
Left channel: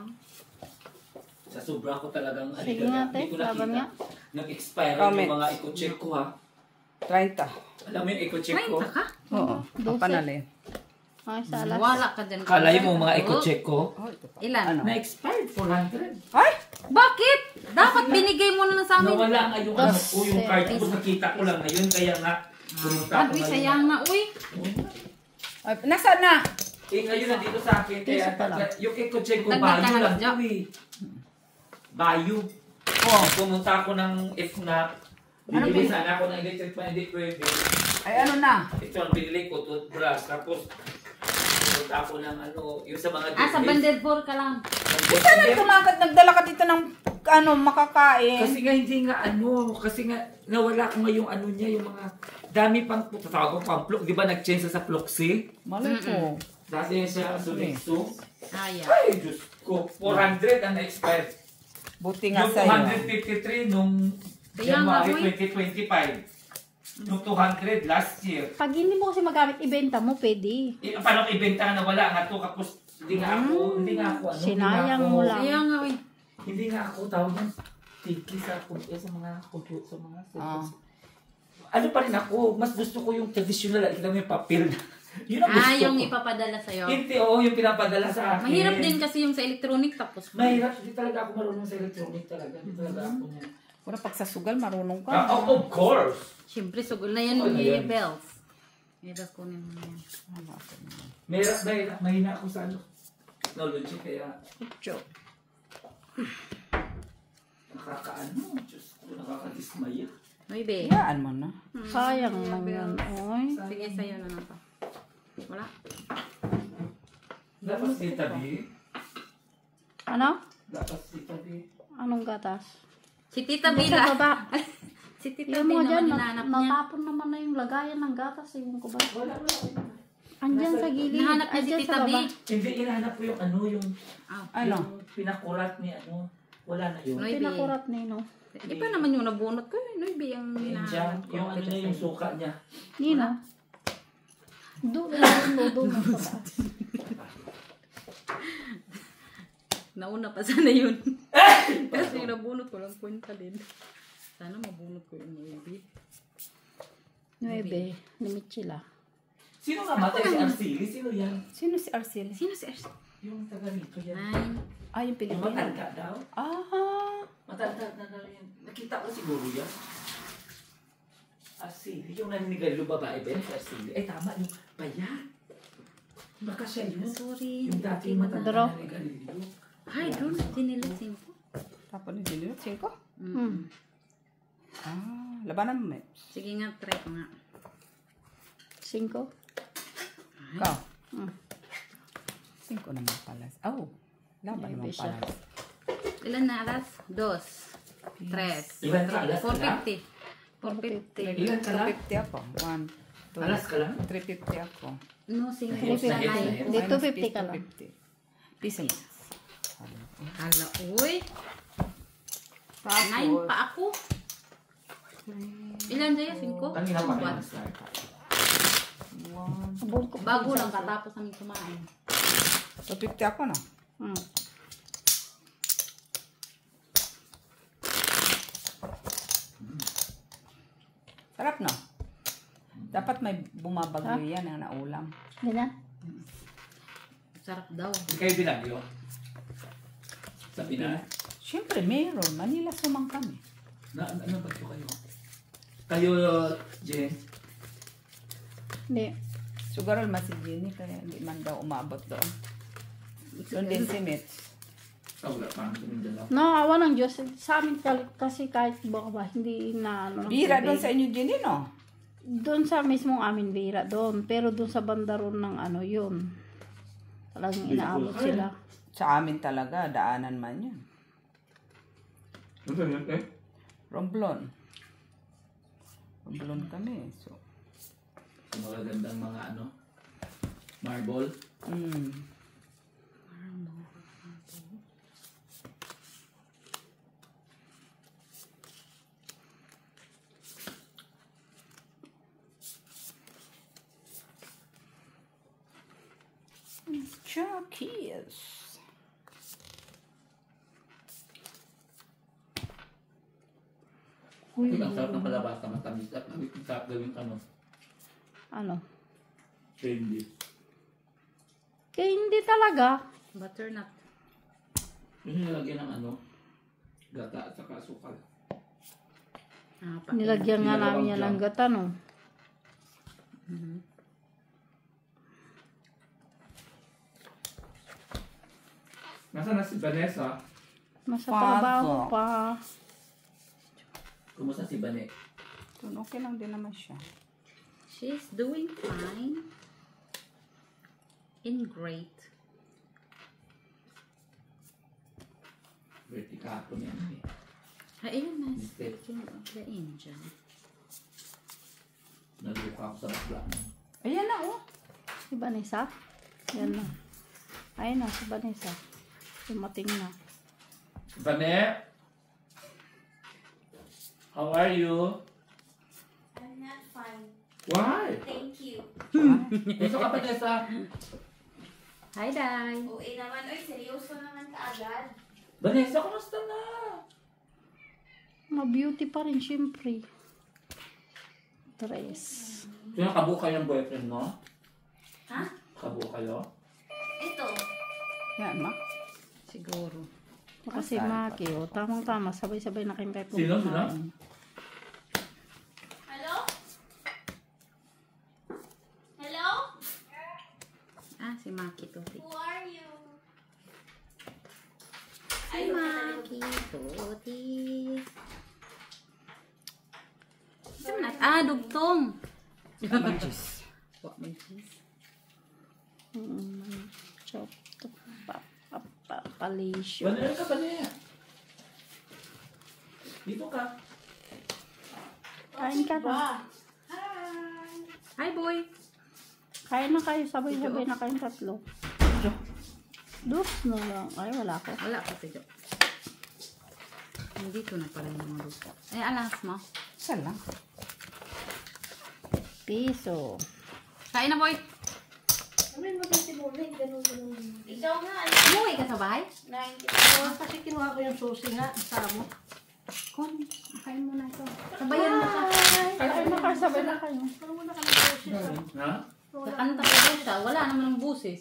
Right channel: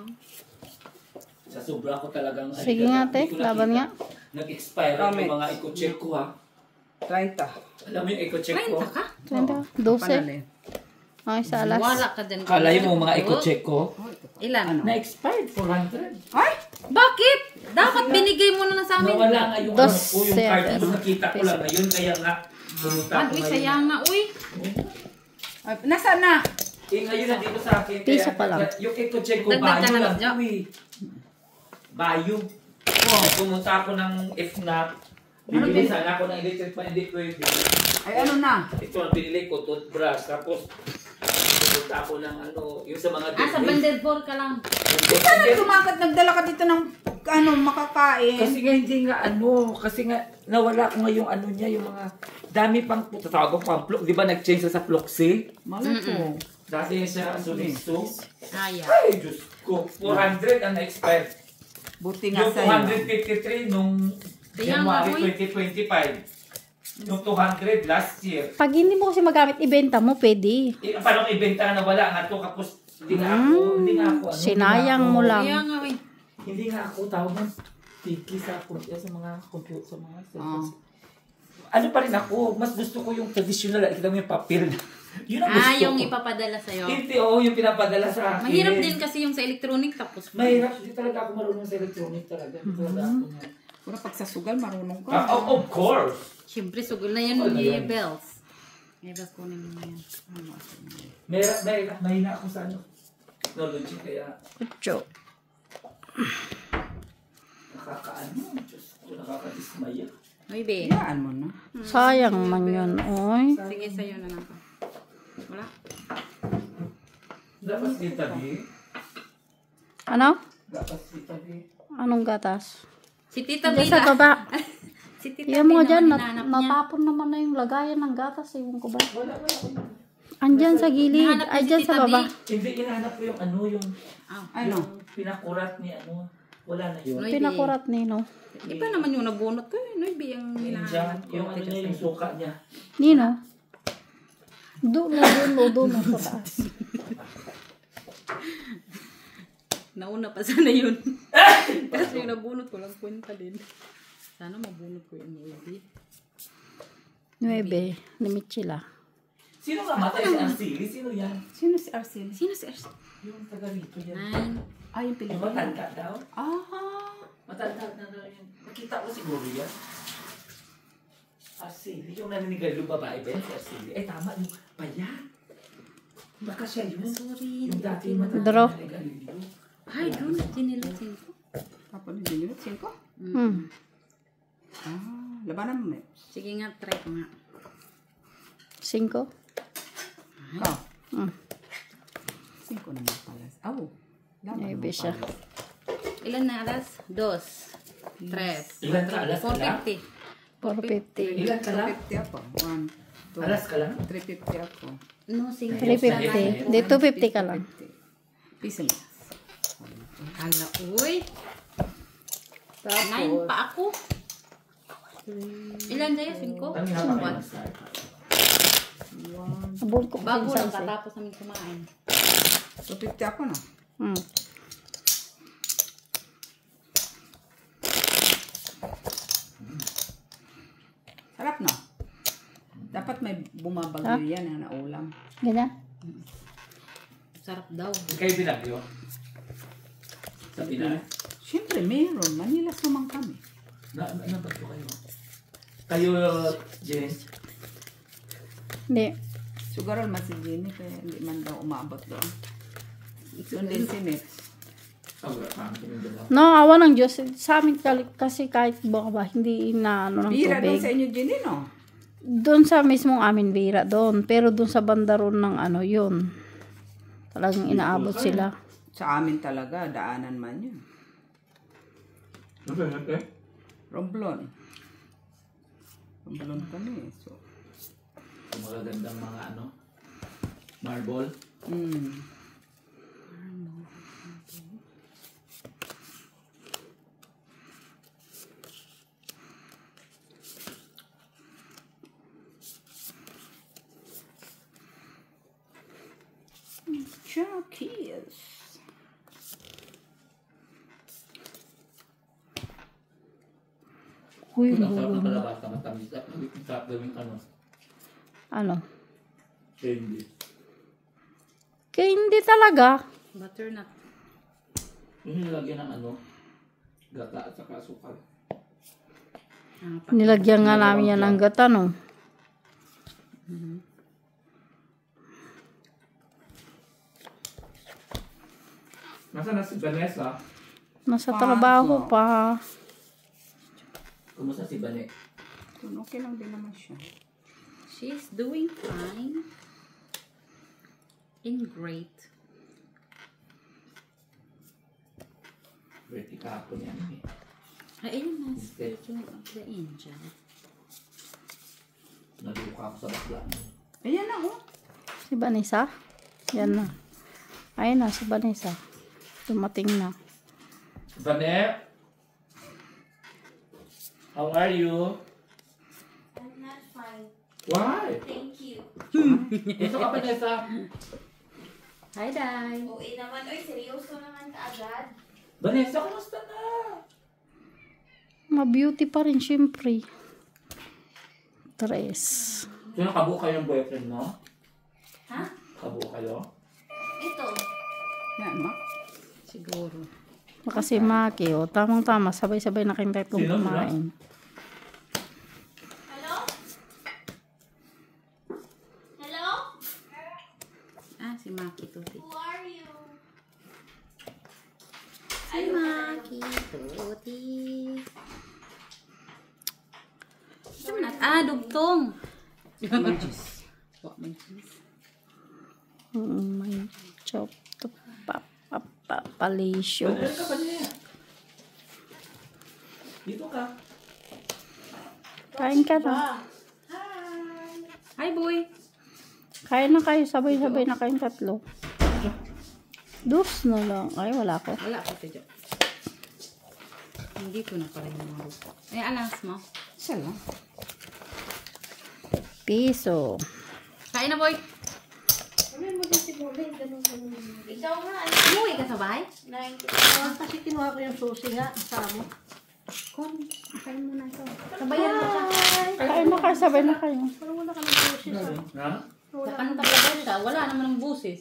Sa sobra ko talagang Sige nga, te. Laban nga. Nag-expire yung mga eco-check ko ha. 30. Alam mo yung eco-check ko? 30 ka? Oo. 12. Panalin. Ay, sa alas. Wala ka dyan. Kala mo mga eco-check ko? Ilan? Ano? Na-expired, 400. Ay! Bakit? Dapat binigay mo na lang sa amin. Nawala nga yung ano ko, yung card ko, Dos, nakita ko lang ngayon, kaya nga, pumunta ako Uy, ngayon. sayang na. Uy. Ay, nasaan na? Eh, ngayon nandito sa akin, Piso pa lang. yung eco-check ko, Dagdag ka bayo na lang lang. ko eh. Bayo. Oh, pumunta ako ng FNAC. Bibili sana ako ng electric fan, hindi pwede. Ay, ano na? Ito ang binili ko, toothbrush. Tapos, pumunta ako ng ano, yung sa mga Sa banded ball ka lang. Paano tumakat? Nagdala ka dito ng ano, makakain? Kasi nga hindi nga ano, kasi nga nawala ko nga yung ano niya, yung mga dami pang tatawag ko pang plok, di ba nag-change sa Ploxi? Maluto. Dati siya Suniso. Kaya. Ay, Diyos ko, 400 ang na-expired. Buti nga Yung sa'yo. 253 nung Kaya nga, January 2025. Yung 200 last year. Pag hindi mo kasi magamit, ibenta mo, pwede. Eh, paano ibenta nga nawala nga to, kapos hindi nga ako, hindi nga ako, ano, Sinayang hindi nga mo ako- lang. Kaya nga, uy. Hindi nga ako tawag ng tiki sa mga computer, sa mga Ah. ano pa rin ako, mas gusto ko yung traditional, kita mo yung papel na. Yun ang gusto Yung ko. ipapadala sa'yo. Hindi, oo, yung pinapadala sa akin. Mahirap din kasi yung sa electronic tapos. Mahirap, hindi talaga ako marunong sa electronic talaga. Hindi talaga ako. Pero pag sa sugal, marunong ka. Of course. Siyempre, sugol na yan Ano yung yan? bells. Bells kunin mo yan. Mahina ako sa ano. Technology, kaya Kucho. nakakaano. Diyos ko, nakakadismaya. Uy, be. Iyaan mo na. Sayang man yun, oy. Sige, sa'yo na lang. Wala. Dapat dito, di. Ano? Dapat dito, di. Anong gatas? Si Tita Hindi Bina. sa baba. Si Tita Yan mo Bina dyan, naman hinahanap niya. natapon naman na yung lagayan ng gatas. Ewan ko ba? Andyan sa gilid. Hinahanap niya Ay, si dyan Tita sa baba. B. Hindi, inahanap ko yung ano, yung Ano? pinakurat ni ano. Wala na yun. Noy, Pinakurat ni, no? Iba naman yung nabunot ko. Noy, be, ang Diyan, hinahanap ko. yung ano niya, yung suka niya. Nino? Doon mo sa taas. Nauna pa sana yun. Kasi yung nabunot ko lang kwenta din. Sana mabunot ko yung baby. 9. Ni Michila. Sino nga matay si Arceli? Sino yan? Sino si Arceli? Sino si Ersa? Yung taga rito yan. Nine. Ah, yung Yung Pilipino. matanda daw. Ah. Matanda na daw yun. Nakita ko siguro yan. Arceli. Yung naninigalu babae ba yan si Arceli? Ay tama, yung bayan. Baka siya yun. Sorry. Yung dati yung matanda Draw. na naninigalu. Ay, doon. Sinilasin ko. Tapos ni Dilot, 5? Ah, labanan mo, Meps. Sige nga, try ko nga. 5. Ikaw. 5 Mm. naman pala. Oh, laban Maybe mo siya. pala. Ilan na alas? 2. 3. Ilan ka? Alas ka lang? 450. 450. Ilan ka lang? 350 ako. 1, 2, Alas ka lang? 350 ako. No, sige. 350. Di 250 ka lang. 350. Piso na. Hala, uy. 9 pa ako. Ilan na yan? 5? Ang hinawa ka ng start. Abol ko pa Bago yung lang sasi. katapos namin kumain. 250 ako na. Mm. Sarap na. Dapat may bumabagyo yan na naulam. Ganyan. Sarap daw. Hindi kayo binagyo? Sa Pinas? Siyempre, meron. Manila sumang kami. Ano ba ito kayo? Kayo, Jess? Hindi. Sugaral mas si Jenny, kaya hindi man daw umabot doon. Doon din si Nets. Wala pa kami dalawa. No, awa ng Diyos. Sa amin kasi kahit ba, hindi na ano ng Bira doon tubig. sa inyo, Jenny, no? Doon sa mismong amin bira doon. Pero doon sa banda ron ng ano yun. Talagang inaabot sila. Sa amin talaga, daanan man yun. Ano ba yun? Romblon. Romblon kami. So, Yung magagandang mga ano, marble. Chuckies. Uy, Ang sarap ng kalabasa, matamis at sarap gawing ano, ano? candy. Kaya hindi talaga. Butternut. Yung nilagyan ng ano, gata at saka asukal. Nilagyan nga namin yan ng gata, no? Nasaan na si Vanessa? Nasa Paso. trabaho pa. Kumusta si Bane? Yun, okay lang din naman siya. She's doing fine. In great. Verticato niya. Ayun na. Instead. Speaking of the angel. Naluka ako sa bakla mo. Ayan na, oh. Si Vanessa? Yan na. Ayun na, si Vanessa. Dumating na. Bane? How are you? I'm not fine. Why? Thank you. Gusto ka pa niya sa... Hi, Day. OA naman. Oy, seryoso naman ka agad. Vanessa, kumusta na? Ma-beauty pa rin, syempre. Tres. Sino kabuo kayo ng boyfriend mo? Ha? Kabuo kayo? Ito. Yan, ma. Siguro. Kasi Maki, oh, tamang-tama. Sabay-sabay na kayong tatlong Sino? kumain. Hello? Hello? Ah, si Maki Tuti. Who are you? Si Maki Tuti. Ah, dugtong. Cheese. May cheese. May chop to palisyo. Bane ka ba niya? Dito ka. Kain ka na. Hi. Hi, boy. Kain na kayo. Sabay-sabay na kayong tatlo. Dos na lang. Ay, wala ko. Wala ko ito. Hindi ko na pala yung mga rupo. Eh, alas mo. Isa lang. Piso. Kain na, boy. Naman mo din si Bulay. Ganun. Ikaw nga. Ano? Umuwi ka sa bahay? Nain ko. Kasi kinuha ko yung susi nga, kasama. Kon, kain mo na ito. Sabayan mo siya. Kain na kayo. Sabay na kayo. Pero wala ka ng susi sa... Ha? Ano talaga siya? Wala naman ng busis.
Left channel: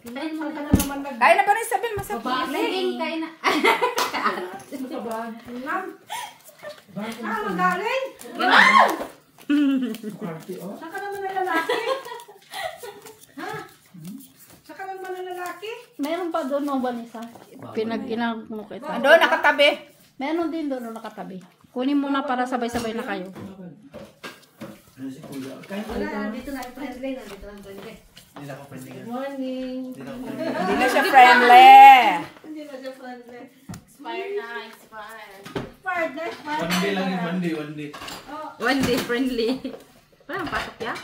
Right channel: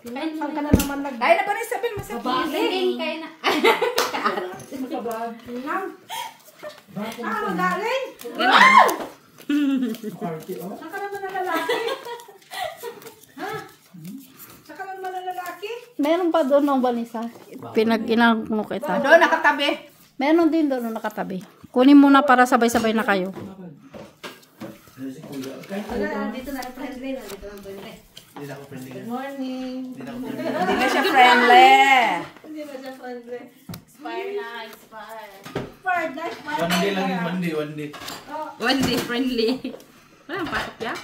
Kain mo Saan ka na. na naman nag... Ay, na pa rin sabihin mo sa Sige, kain na. Ah, magaling! Party, oh. Saan ka naman na lalaki? Ha? Saan ka naman na lalaki? Meron pa doon ng Vanessa. Pinag-inang mo kita. Doon, nakatabi. Meron din doon na nakatabi. Kunin mo na para sabay-sabay na kayo. Ano si Kuya? Kahit Wala, nandito na friendly. Nandito na friendly. Hindi na ako friendly. Good morning. Hindi na ako friendly. Hindi na siya friendly. Hindi na siya friendly. Expire na. Expire. Expired na, expired. One day lang yun, one day, one day. One day friendly. Wala ang pasok ya?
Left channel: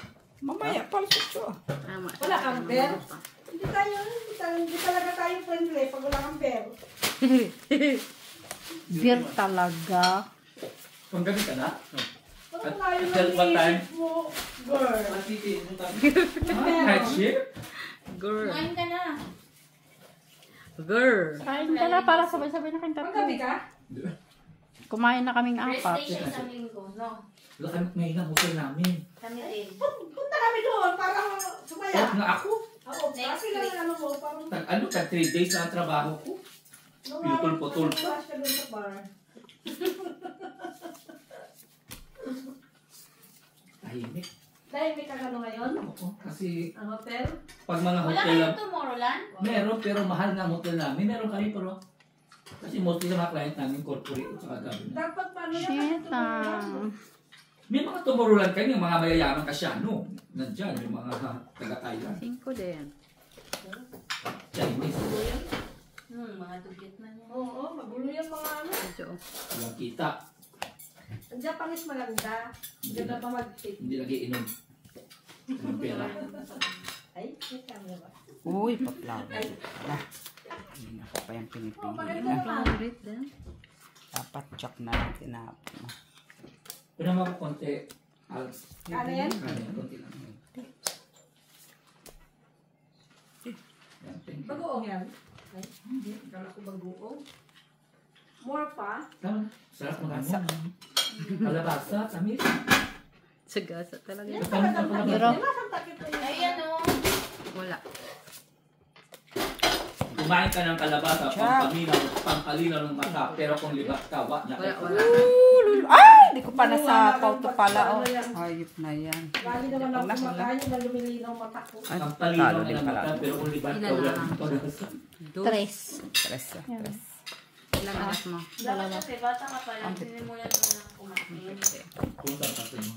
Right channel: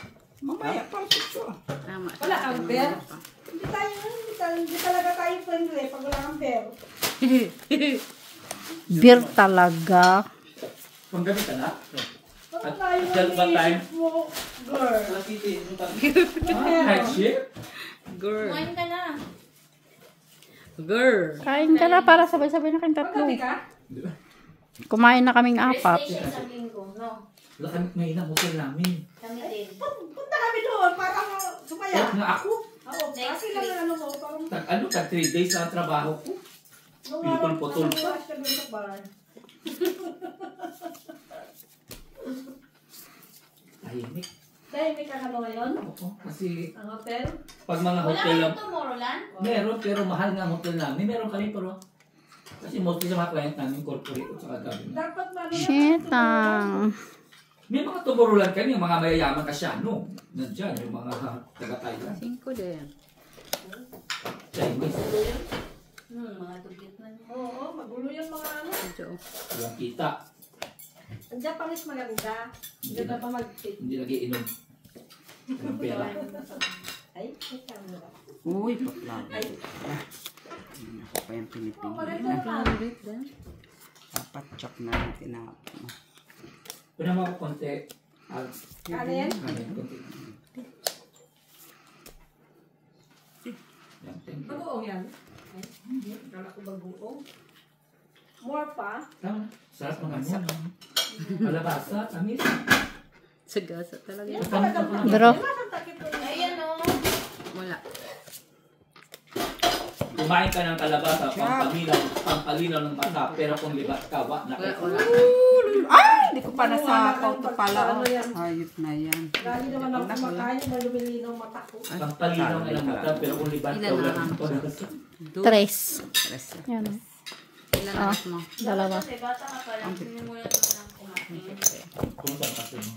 Mamaya pa ito. Tama. Wala kang bear. Hindi talaga tayo friendly pag wala kang bear. Beer talaga. Panggabi ka na? Parang tayo At what time? iniisip mo, girl. Night shift? Girl. Kumain ka na. Girl. Kain ka na para sabay-sabay na kayong tatlo. Magabi ka? Kumain na kaming Rest apat. day siya isang linggo, no? Wala kami ngayon ang hotel namin. Kami din. Punta kami doon, parang sumaya. Kahit nga ako, Oo, kasi lang ang ano ko, parang Ano ka, 3 days na ang trabaho ko. Pinutol-putol. Nakalas ka dun sa bar. Tahimik. Dahil may kakano ngayon? Oo, kasi Ang hotel? pag mga Wala hotel lang, kayong Tomorrowland? meron pero mahal na ang hotel namin. Meron kami pero kasi mostly sa mga client namin, corporate at saka government. Dapat ba Shit, May mga tumurulan kami, yung mga mayayaman kasi ano, nandyan, yung mga taga-Thailand. 5 din. Chinese, Mga dugit na niya. Oo, magulo yung mga ano. Medyo. walang kita, Andiyan pa mas maganda. Hindi na pa mag-fit. hindi nagiinom. Walang pera. Ay, may camera. Uy, paklaw. Wala. Hindi ako pa yung Maganda pinipigilan. naman. Dapat chop na natin na. Pero mga konti, Ano yan? konti. Yan, thank you. Bagoong yan. Ay, hindi. Kala ko bagoong. More pa. Tama na. Sarap mga ano. Malabasa, tamis. Sagasa talaga. Yan, Tama na kapag pala. Pero, ang takip ko niya. Ayan o. Wala. Kumain ka ng kalabasa, pampalinaw ng mata, pero kung libat ka, wak na kayo. Ay! Hindi ko pa nasapaw to pala. Oh. Ayop na yan. Lagi naman ako kumakain na lumilinaw mata ko. Pampalinaw ng mata, pero kung libat ka, wala ng kalabasa. 3. Tres. Yan. Ilan anak mo? Dalawa. Kasi bata ka pa lang. Sinimulan mo lang kumain. Kung saan kasi mo.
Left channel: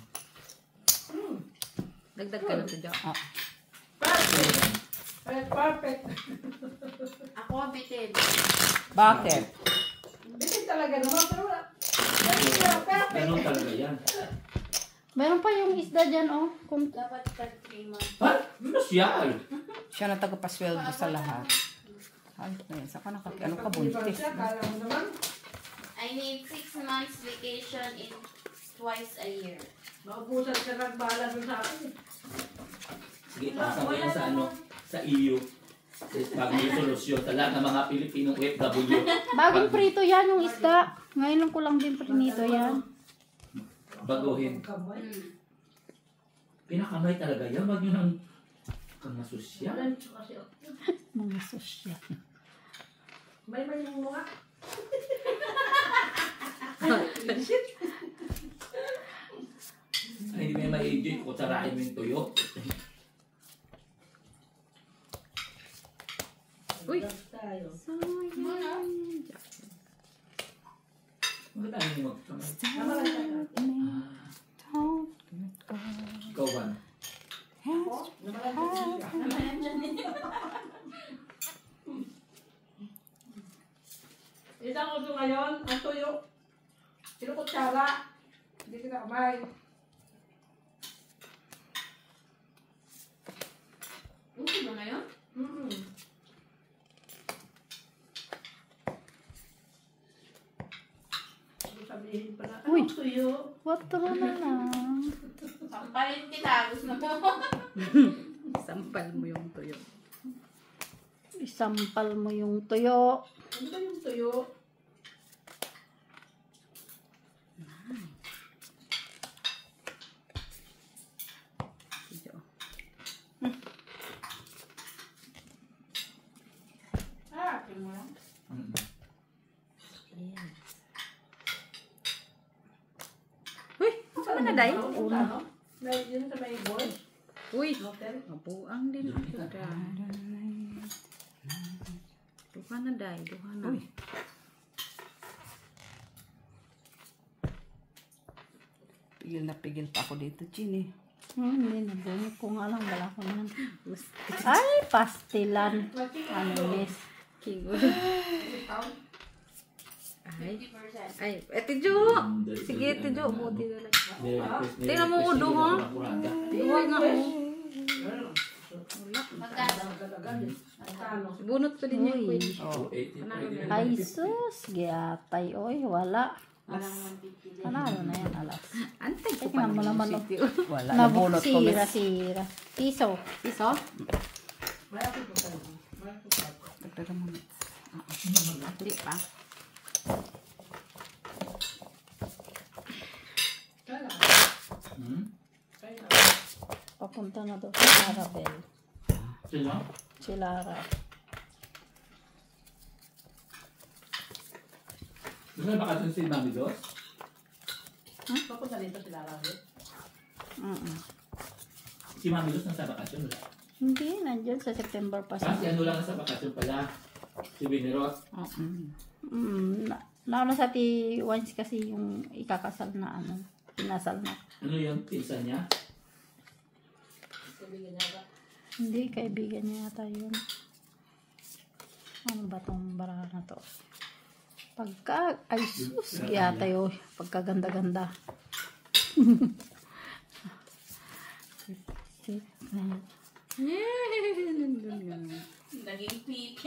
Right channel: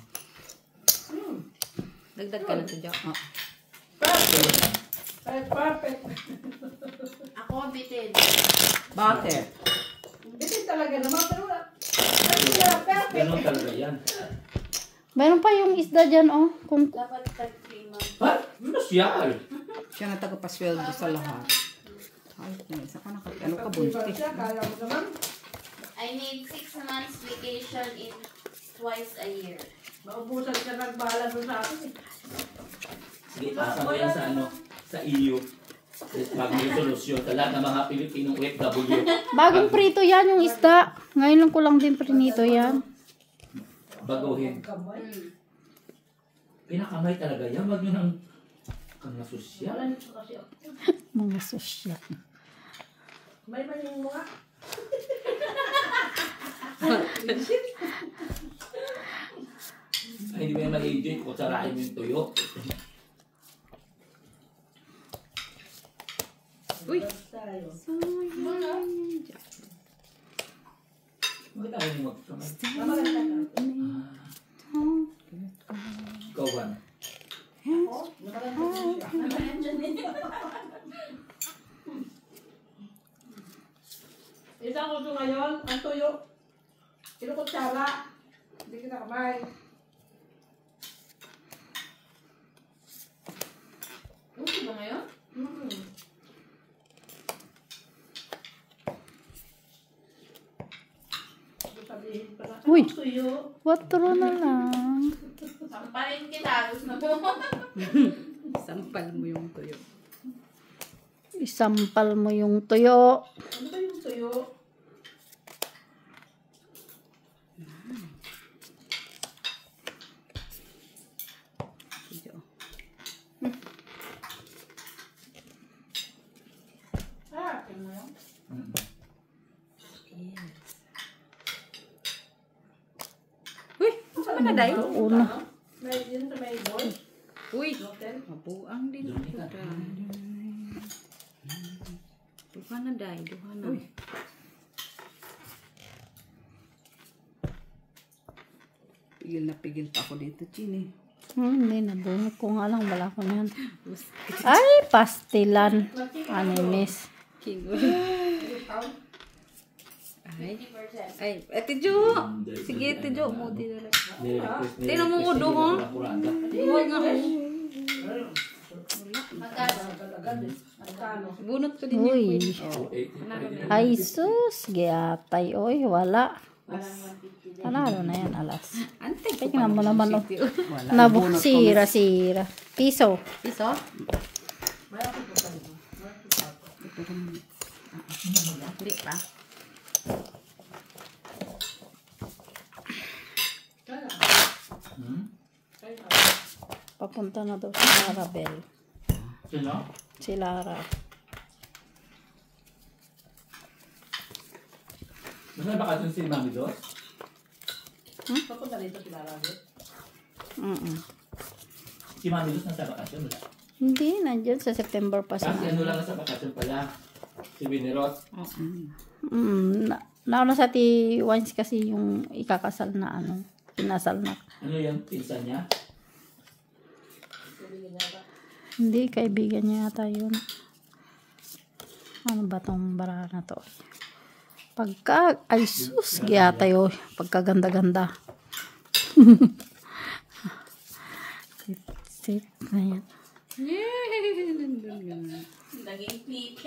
Dagdag ka na ito dyan. Ah. Perfect. Ako bitin. Bakit? Bitin talaga naman. Pero wala. Perfect. Ganun talaga yan. Meron pa yung isda dyan, oh. Kung Dapat 3 months. Ha? Masyal. Siya na tagapasweldo sa lahat. Ay, saan ka ano ka buntis? Kala mo naman. I need 6 months vacation in twice a year. Maubusan ka ng bahala doon sa akin. Sige, pasa mo yan sa ano, sa EU. Bagong solusyon. Sa lahat ng mga Pilipinong OFW. bagong prito yan yung isda. Ngayon lang ko lang din prinito yan. Baguhin. Kamay. Pinakamay talaga yan. Wag nyo nang kang nasosyal. Wala nito kasi ako. Mga sosyal. May yung mga. Ay, hindi mo yan ma-enjoy. Kutsarain mo yung tuyo. Uy! Tayo. Bakit ayaw mo magkamay? Tama ka na. Ikaw, Juan. Isang ko ngayon, ang tuyo. Sino kutsara? Hindi kita kamay. Okay ba ngayon? Sabihin pala. Uy. Ang tuyo. Watro na lang. Sampalin kita. Gusto mo? Sampal mo yung tuyo. Isampal mo yung tuyo. Ano ba yung tuyo? Medyo. Ah, tingnan mo. Ano ka, Day? Una. May yun sa may boy. Uy! Hotel. Mabuang din ako. Duha na, Day. Duha na. Pigil pa ako dito, Chini. Hindi, nabunot ko nga lang. Wala ko niyan. Ay, pastilan. Animis. King. Ay, Ate Jo! Sige, Ate Jo. Mudi na lang. Tingnan mo, udo, ha? Buhay nga ako. Bunot ko din yung Uy. queen. Ay, sus. Giatay. Oy, wala. Panalo na yan, alas. Antay ko Tingnan mo naman, oh. Wala. Nabuk, sira. Piso. Iso? Hindi pa. Papunta na daw sa Marabel. Sino? Si Lara. Gusto na bakasyon si Mami Dos? Papunta dito sila lang. Si Mami Dos nasa bakasyon wala? Hindi, nandyan sa September pa sa... Kasi ano lang nasa bakasyon pala. Si Binerot. Nauna sa ti Wines kasi yung ikakasal na ano, pinasal na. Ano yung pinsan niya? Hindi, kaibigan niya yata yun. Ano ba tong bara na to? Pagka, ay sus, giyata yun. Pagkaganda-ganda. Sit na yan. Naging peak.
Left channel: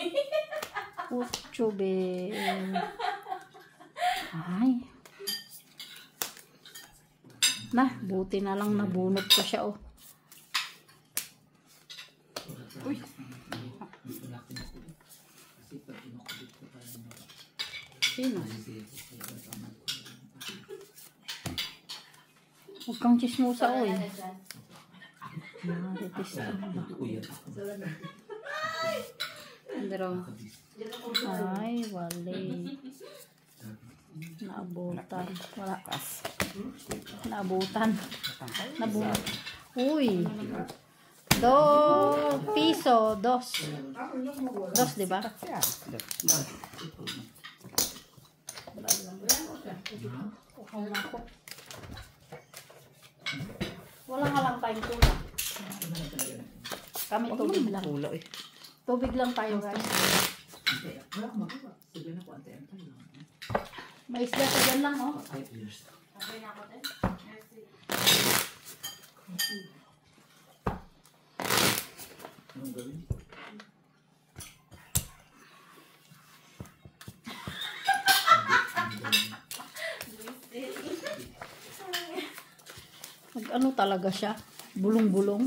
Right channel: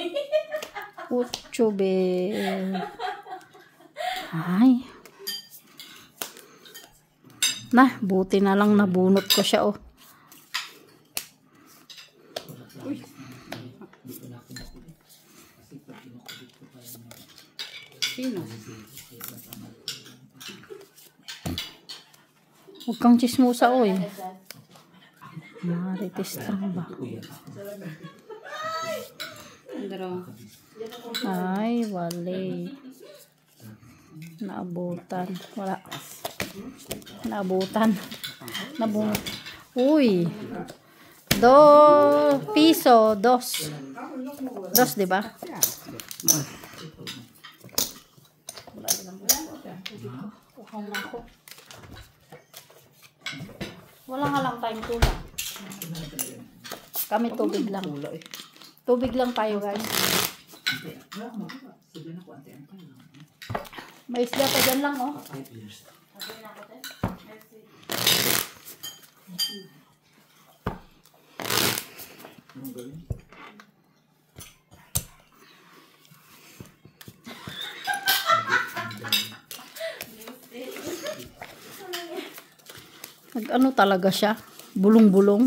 Ucho be. Ay. Nah, buti na lang nabunot ko siya oh. Sino? Huwag kang chismosa oy. Marites lang ba? Pero, Ay, wali. Naabutan. Wala. Naabutan. Nabunot. Uy. Piso. Dos, di ba? Wala nga lang time ko. Kami tubig lang. Tubig lang tayo guys. May isda pa dyan lang oh. Nag-ano talaga siya? Bulong-bulong.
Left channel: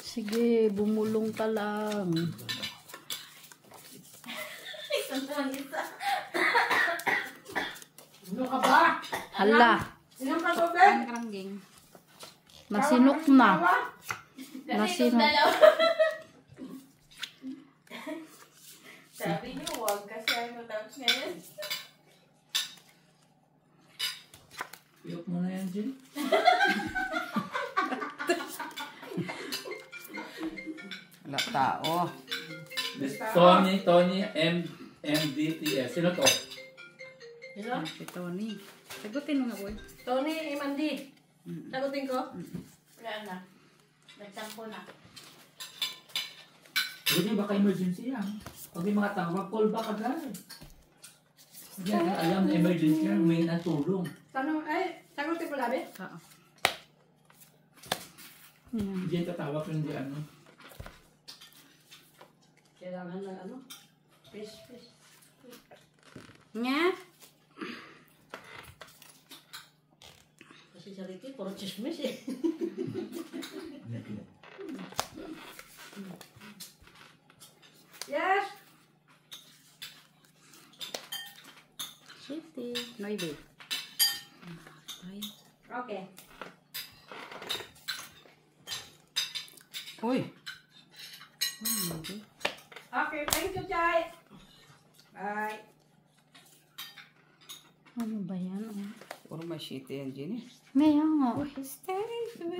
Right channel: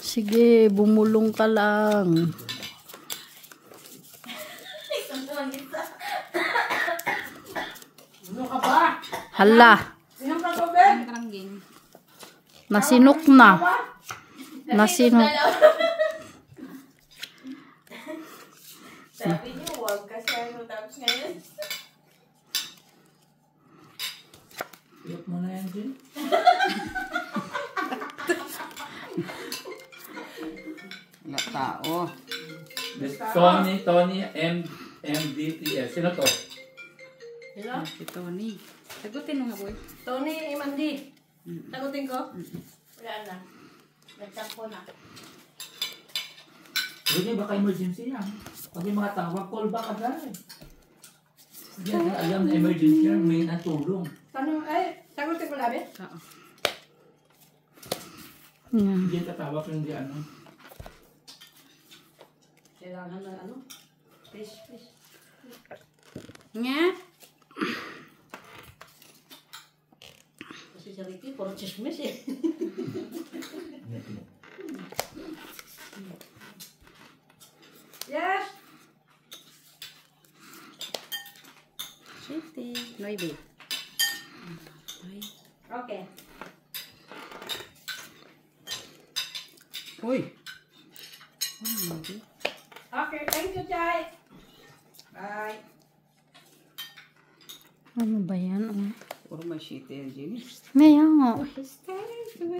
Sige, bumulong ka lang. Ano ka ba? Hala, Sino ka ba, Ben? karangging. nasinok na. Nasinok. Sabi niyo, huwag kasi ang dance ngayon. Iyok mo na yan, Jill. Wala tao. Tony, MDTS. Sino to? Sino? Si Tony. Sagutin mo nga, boy. Tony Imandi. Sagutin ko? Wala na. Nagtampo na. Hindi baka emergency yan. Pag may mga tawag, call back agad. Hindi natin alam na emergency yan, may natulong. Tanong, sagutin ko labi? Oo. Yan. Hindi tatawag yung di ano. Kailangan na ano? Fish. Nga? Kasi si Ricky, puro chismis eh. Yes! City. Noibe. Ay. Okay. Uy. Noibe. Okay, thank you, Jai. Bye. Ano ba yan? Oh. Puro may city yan, Jenny. Maya nga.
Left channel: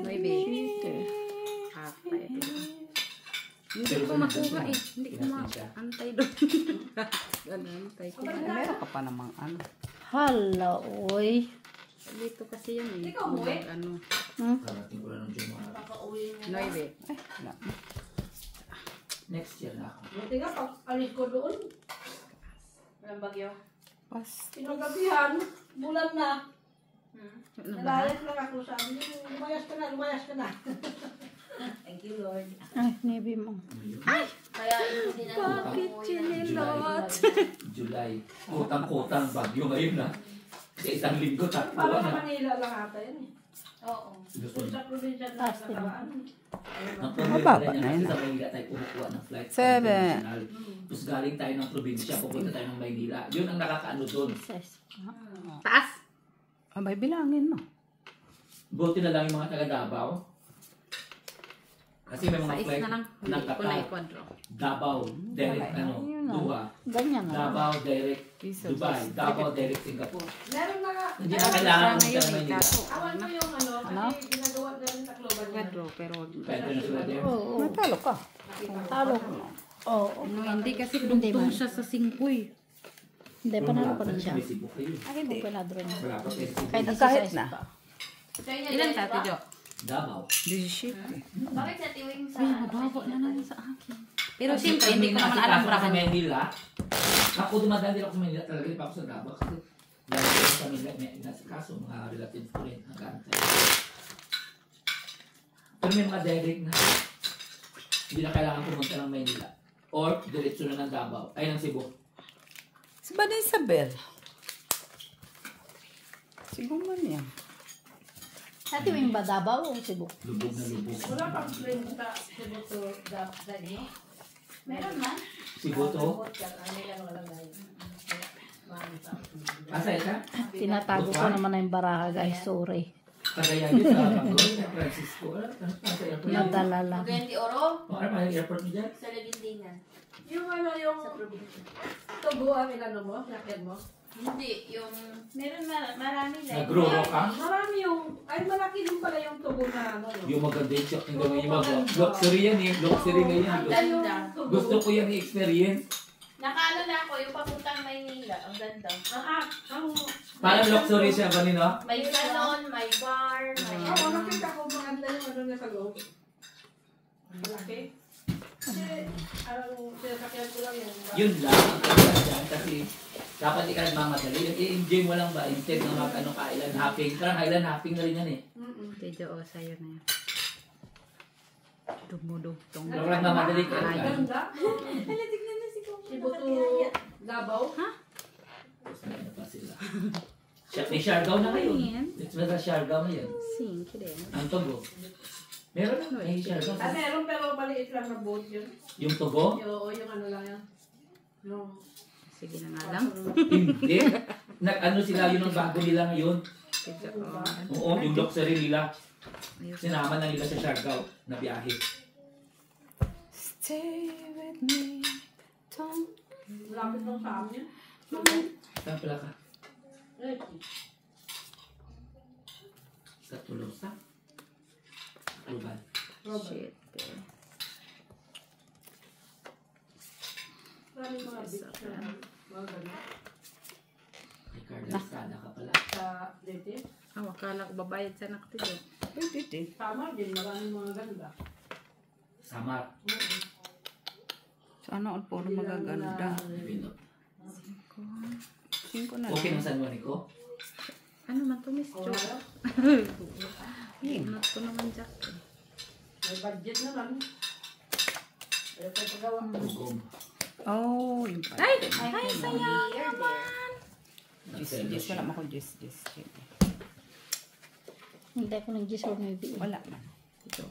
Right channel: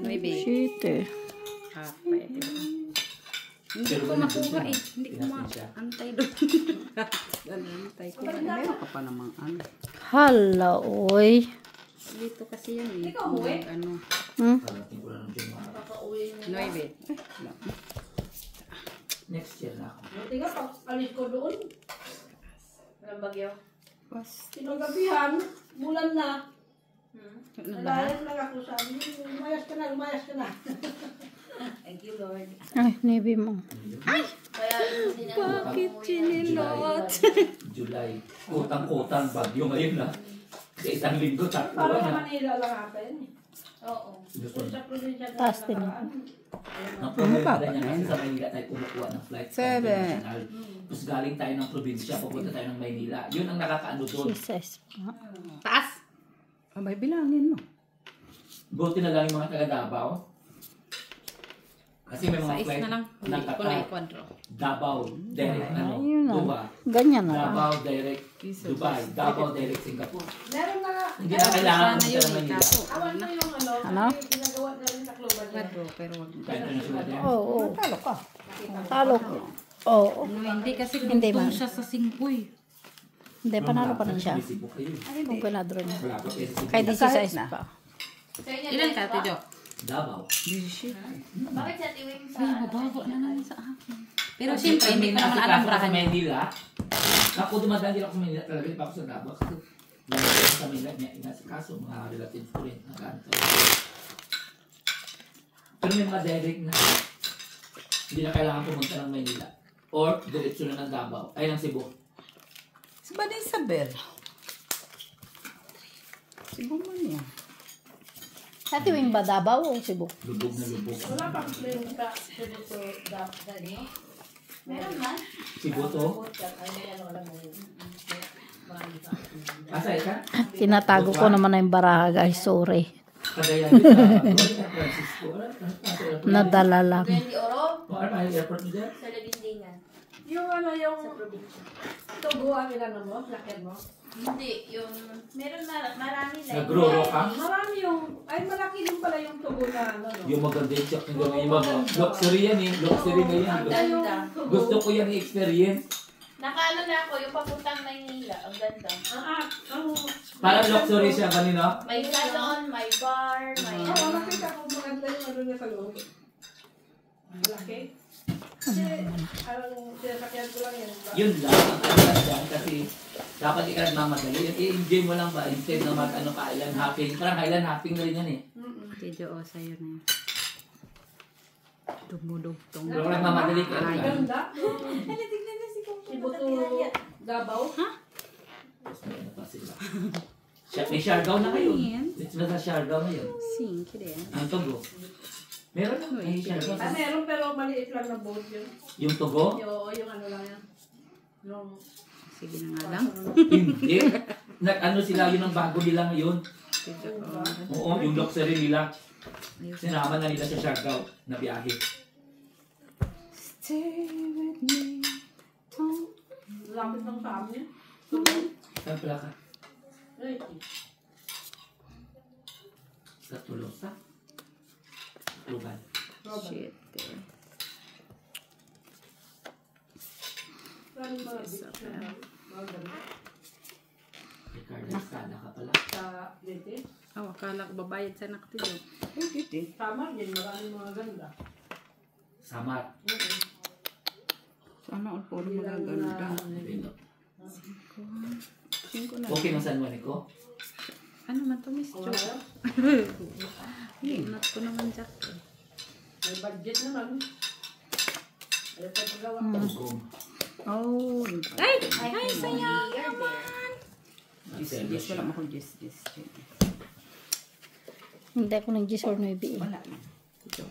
Noibe. Shit eh. Hapay. Hindi Pero ko kung makuha eh. Hindi ko pinasin siya. maantay doon. Antay ko. Meron ka pa namang ano. Hala, oy. Dito kasi yan eh. Ikaw, uwi? Ano. Parating ko lang ng Jumara. Noibe. Ay, wala. Next year na ako. Buti nga, pag alis ko doon, Walang bagyo. Pas. sinagabihan, bulan na. Ano ba? Nalayan lang ako, sabi niyo, lumayas ka na. Thank you, Lord. Ay, nebi mo. Kaya hindi na Bakit chinilot? July. Kutang-kutang bagyo ngayon na. Sa isang linggo, tatlo Parang sa na. Manila lang ata yan eh. Oo. Luzon. Sa probinsya na Taas din. nakaraan. Ang problema Mababa niya na kasi yun. sa Maynila tayo kumukuha ng flight sa Seven. international. Tapos galing tayo ng probinsya, pupunta tayo ng Maynila. Yun ang nakakaano doon. Jesus. Taas. Abay, bilangin mo. Buti na lang yung mga taga Davao. Kasi may mga Sais flight na lang. Hindi ko na nagtapat. i-quadro. Davao, direct Ayun na. Dubai. Ganyan na lang. Davao, direct Dubai. Davao, direct Singapore. Meron na, Hindi na kailangan Sana pumunta yun ng eh. Manila. Kaso, awan mo yung ano, Ano? may ginagawa na rin sa global niya. quadro. Pero, Kahit na sila din. Oo. Talo ka. Talo. Oo. ano, hindi kasi Hindi dugtong man. siya sa singpoy. Hindi, panalo pa rin siya. May sibuk kayo. Huwag ka na draw niya. Wala pa kayo sa Kahit sibuk. di Kahit size na. pa. Ilan ka, Tijo? Davao. 17. Bakit sa tiwing sa... Ay, mababa na naman sa akin. Pero Kasi siyempre, hindi ko naman kasi alam kaso brahan sa niya. Manila. Ako dumadaan din ako sa Manila. Talaga di pa ako sa Davao. Kasi lalo ko sa Manila. Nasa kaso, mga relatives ko rin. Nag-aantay. Pero may mga direct na hindi na kailangan pumunta ng Manila. Or diretso na ng Davao. Ay, ng Cebu. Si Bada Isabel. Siguro man yan. Sa tuwing ba Davao o Cebu? Lubog na lubog. Wala kang friend sa Cebu to Dani. Meron man. Cebu to? Asa ka? Tinatago ko naman na yung baraha guys. Sorry. Cagayan din sa San Francisco. Asa airport? Nadala lang. 20 oro O, ano ba yung airport mo dyan? sa Labindingan. Yung ano, yung Sa probinsya. tubo ang inano mo, lakyan mo. Hindi, yung... Meron marami din. Nagro-ro ka? Marami yung, ay malaki din pala yung tubo na ano, no? Yung maganda yung shop ng yung mga luxury yan eh. Luxury na yan. Ang ganda. Gusto ko yan i-experience. Nakaano na ako, yung papuntang Maynila. Ang ganda. Ang, Parang luxury siya kanina. May salon, may bar, may... oo, nakita ko maganda yung ano na sa loob. Malaki. Kasi, parang sinasakyan ko lang yan. Yun lang. Ang kanya dyan kasi dapat di ka nagmamadali. I-enjoy mo lang ba instead na mag-ano ka island hopping. Parang island hopping na rin yan eh. Tijo, o, sa'yo na yun. Dumudugtong. Pero kung nagmamadali ka lang. Ganda. Tignan na si Kong. Cebu to Davao. Tapos may ano pa sila. May Siargao na ngayon. It's na sa Siargao na yun. Sing, kire. Ang Togo. Meron na. May Siargao. Ah, meron pero maliit lang na boat yun. Yung Togo? Yung ano lang yan. Yung, Sige na nga lang. Hindi. Nag-ano sila yun ang bago nila ngayon. Tijo, o. Oo, yung luxury nila. Sinama na nila sa Siargao na biyahe. Stay with me. Don't lapit lang sa amin. Saan pala ka? Ay, Sa Tolosa? Ruban. Shit. eh. maraming mga beach na mga ganun. Ricardo Estrada ka pala. Sa Leyte. Oh, akala ko babayad sana ako, Tijo. Pwede din. Tama din, maraming mga ganda. Samar. Sana all puro magaganda. Pinot. 5 na. Okay ng San Juanico? Ano man to, Miss Jo? Oo. Inat ko naman dyan. May budget naman. Ayaw pa pagawa. Tugong. Oh, Ay, saya. You're there. Jis wala ako jis. Hindi ako nag-gis or maybe. Wala na. Ito.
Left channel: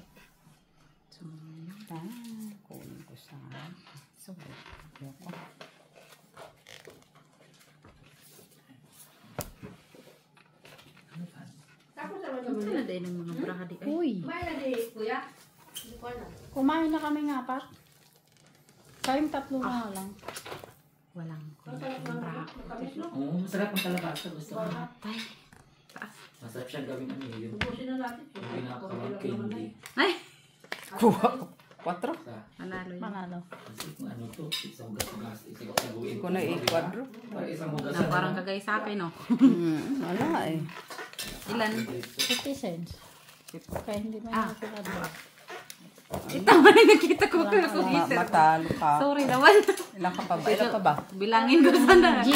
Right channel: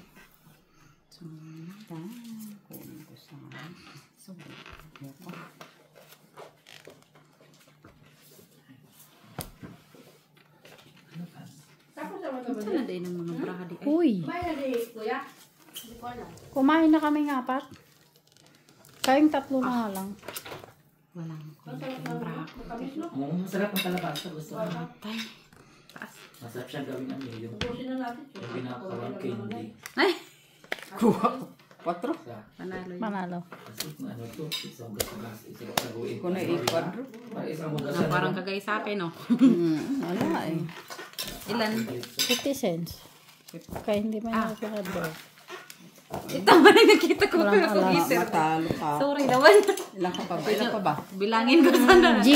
So, kunin ko sa so, ako. Tapos naman naman. Saan na din ang mga brahadi? Ay, Uy, May na di, kuya. Hindi ko alam. kumain na kami ng apat. Kayong tatlo na nga lang. walang Ang sarap ng matamis, no? Oo, masarap ang kalabasa. Gusto ko. tay. Taas. Masarap siya gawin ano yung Ubusin na natin. pinaka-rock candy. Ay, Kuha. 4. Sa, panalo yun. Manalo. kasi kung ano to, isang gas-gas, isang saguin. Kung na i-quadro. Parang isang hugasan. Parang kagay sa akin, no? Wala eh. Ilan? 50 cents. Kaya hindi may nakakilado. Ito ba na nakita ko Walang pero alam. isip. Matalo ka. Sorry naman. Ilang ka pa ba? Ilang ka ba? Bilangin ko sana. G.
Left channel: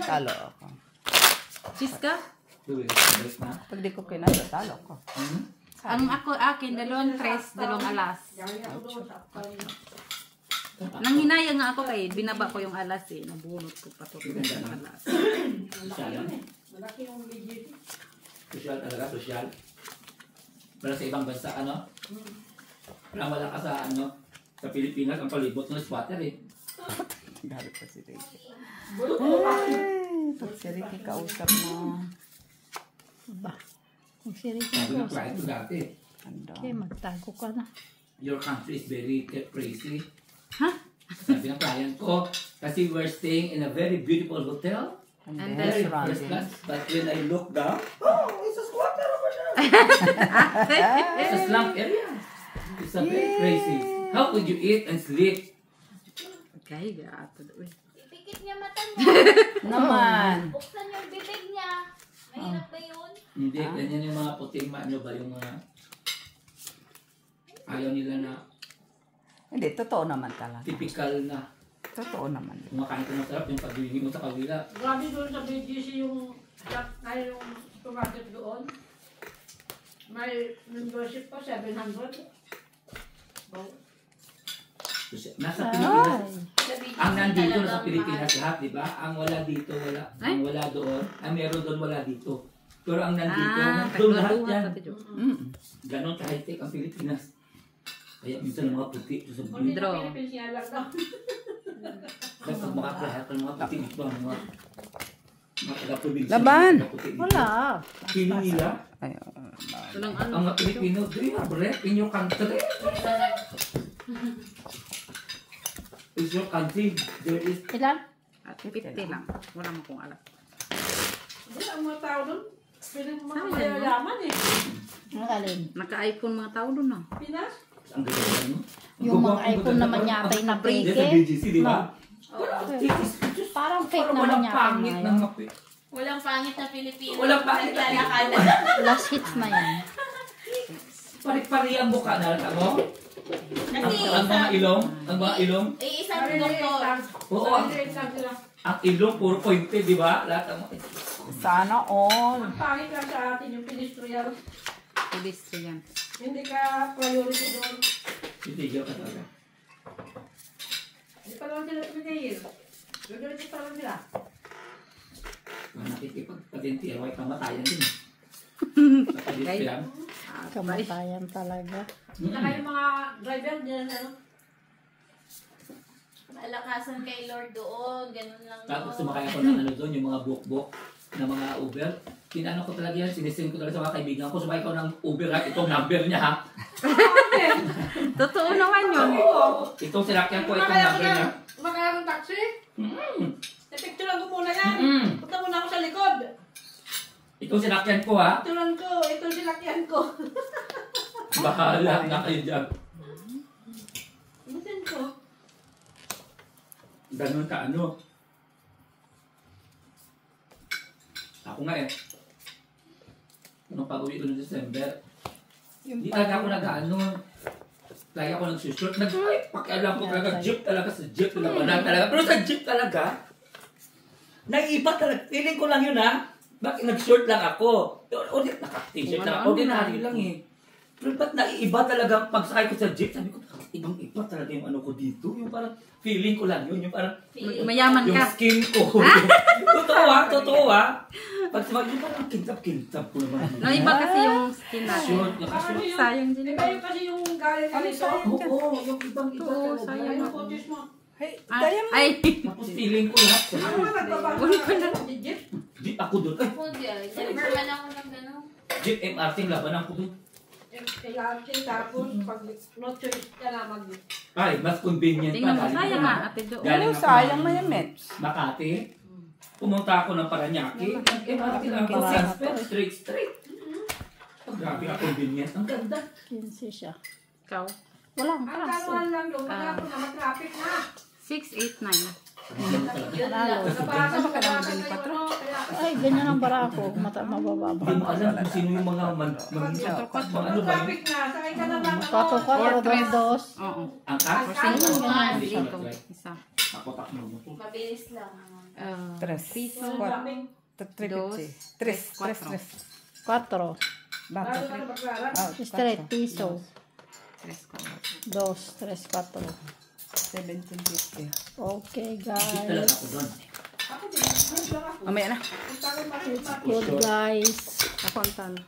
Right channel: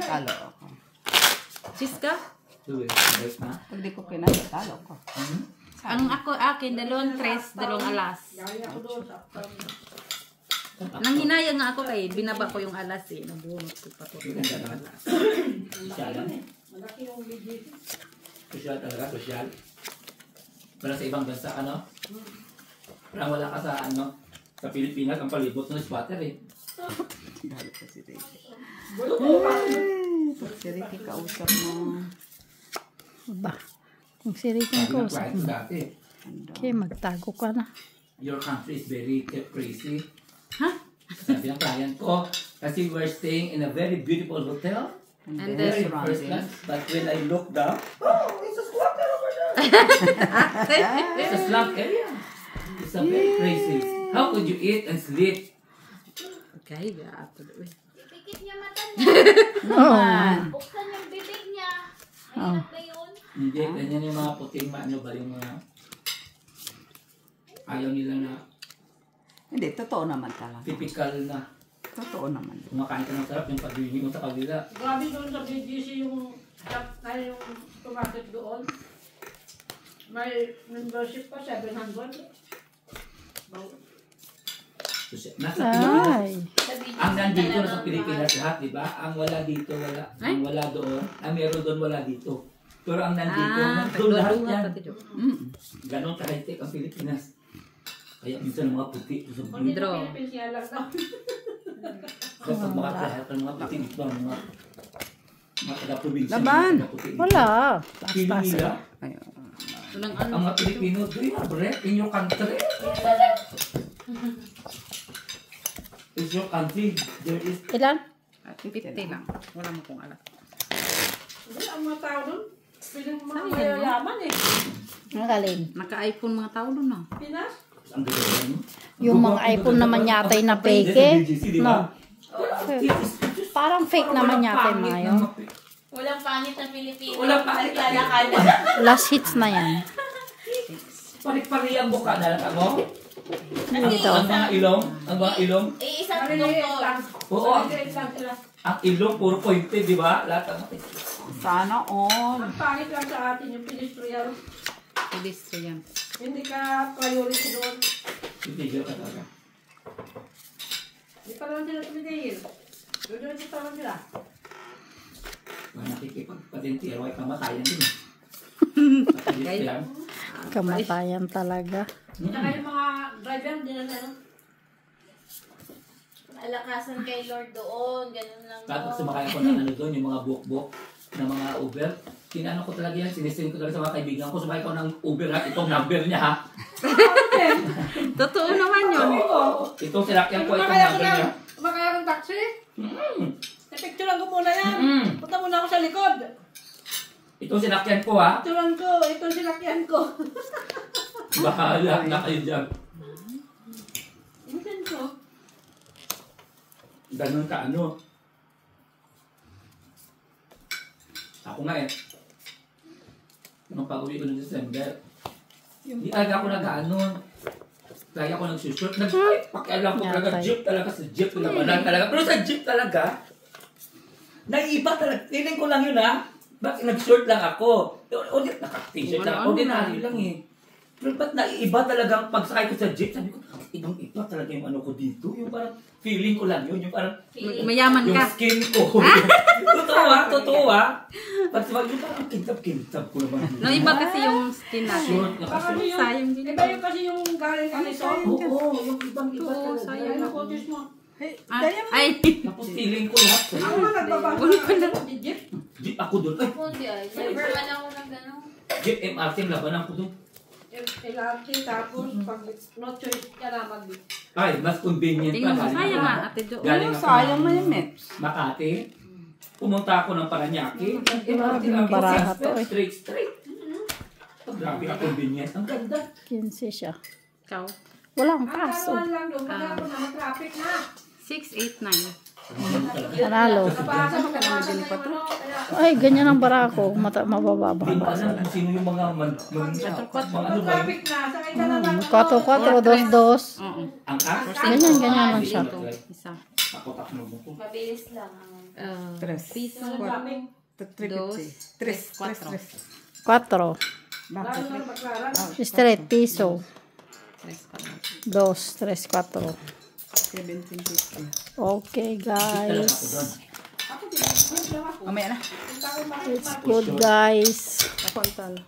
Talo ako. Sis ka? Tuwing, guys na. Pag di ko kinaya, talo ko. Ang akin, 2 tres, 2 alas. Gaya ko doon sa uptown. Nang hinaya nga ako kay, binaba ko yung alas eh. Nabunot ko pa to. Alas. Sosyalan. Malaki yung legit. Sosyal talaga, sosyal. Pero sa ibang bansa, ano? Parang wala ka sa, ano, sa Pilipinas, ang palibot ng spotter eh. Dalo pa si Ricky. Bulok pa. Pag si Ricky kausap mo. Ba? Kung si Ricky Sabi ko, ng client ko dati. Ano? okay, magtago ka na. your country is very crazy. Huh? Sabi ng client ko, kasi we're staying in a very beautiful hotel. And And then Very first surrounding. class. But when I look down, oh, it's a squatter over there. It's a slum area. It's a very crazy. How could you eat and sleep? Okay, gato. Ipikit niya mata niya. Naman. Buksan yung bibig niya. Mahirap ba yun? Hindi, ganyan yung mga puting ano ba yung mga ayaw nila na Hindi, totoo naman talaga. typical na Totoo naman. kumakain ka masarap yung pagbibig mo sa kabila. Grabe doon sa BGC yung shop na yung supermarket doon. May membership pa, 700. Nasa Pilipinas. Ay. Ang nandito sa Pilipinas lahat, di ba? Ang wala dito, wala. Ang wala doon. Ang meron doon, wala dito. Pero ang nandito, nandun lahat yan. Ganon ka-high-tech ang Pilipinas. Kaya minsan mga puti. Sa Hindi Pedro. na Philippines nga lang daw. Kaya pag makakahit ng mga puti, di ba? Mga taga-probinsya. Laban! mga puti dito. Wala. Feeling nila, Ay, Walang ang mga Pilipino, do you have rep in your country? Is your country, there is Ilan? 50 lang. Wala mo kung alam. Hindi, ang mga tao doon, piling mga mayayaman eh. Nakalim. Naka-iPhone mga tao doon na. Pinas? ang ganda mo. Yung mga iPhone naman yata ay na Sa peke. BGC, di ba? Parang fake naman yata yung mga yun. Walang pangit na Pilipino. Walang pangit na Naglalakad. Last hits na yan. Pari-pari ang buka na lang mo. Ito. Ang mga ilong, ang mga ilong. Isang Maliliit doktor. lang. Oo, Maliliit lang sila. ang ilong puro pointe, di ba? Lahat ang sana all. Ang pangit lang sa atin yung pedestrian. Pedestrian. Hindi ka priority doon. titigil ka talaga. Hindi pa naman sila tumitigil. Doon pa lang sila. Kung nakikipagpatintiro ay kamatayan din. Sa yan. Kamatayan talaga. Tsaka yung mga driver, hindi na ano. Alakasan kay Lord doon. Ganun lang. Tapos sumakay ako ng ano doon, yung mga buhok-buhok na mga Uber. Tinano ko talaga yan, sinisend ko talaga sa mga kaibigan ko. Sumakay ko ng Uber ha, itong number niya ha. Totoo naman yun. Itong sinakyan ko, itong number niya. Kumakaya ng taxi. Mm. Napicturean ko muna yan. Mm. Punta muna ako sa likod. Itong sinakyan ko ha. Picturean ko. Ito sinakyan ko. Bahala na kayo dyan. Minsan ko. Ganun ka ano. Ako nga eh. Nung pag-uwi ko ng December, hindi talaga ako nag-ano. Lagi ako nagsushoot. Pakialam ko talaga, jeep talaga sa jeep. Talaga. Pero sa jeep talaga, naiiba talaga. Feeling ko lang yun ha. Bakit nag-short lang ako? Naka-t-shirt lang. Ordinary lang eh. Pero ba't naiiba talaga ang pagsakay ko sa jeep? Sabi ko, ibang-iba talaga yung ano ko dito. Yung parang feeling ko lang yun. Yung parang Mayaman yung ka. skin ko. Totoo ha. Pag sumakay, yung parang kintab-kintab ko naman. No, iba kasi yung skin natin. Short, nakashort. Sayang din. Di ba yung kasi yung galing ka nito? Oo, yung ibang-iba Oo, talaga. sayang. Yung coaches mo. Ay, Tapos feeling ko lahat. Ako nga nagbabago ng jeep. Jeep ako doon. Ay, Hindi ah. Never man ako ng gano'n. Jeep MRT ang laban ako doon. Yung LRT tapos pag no choice ka na mag Ay, mas convenient pa. tingnan mo, Galing sayang ako nga. ng- Ate doon. Galing Oh, ako sayang ng na yung Mets. Makati. Pumunta ako ng Paranaque. MRT lang ako. Straight. Grabe ang convenient. Ang ganda. 15 siya. Ikaw. Walang ang kaso. karuan lang doon. Wala ko na mag-traffic na. 689. Panalo. Nabasa mo kabasa na yung ano. Kaya Ay, ganyan ang barako. Mabababa. Hindi mo alam kung sino yung mga mga ano ba yun? traffic na. Sakay ka na lang. 4-4, 2-2. Oo. Ang as? Ganyan lang siya. Isa. Ako takno mo ko. Mabilis lang. Tres. Piso. Traffic. Dos. Tres. Cuatro. 4. Lalo na magkaran. Straight, piso. 3, 2, 3, 4. 1750. Okay, Talaga ako guys. doon. Mamaya na. It's good, guys. Ako ang talo.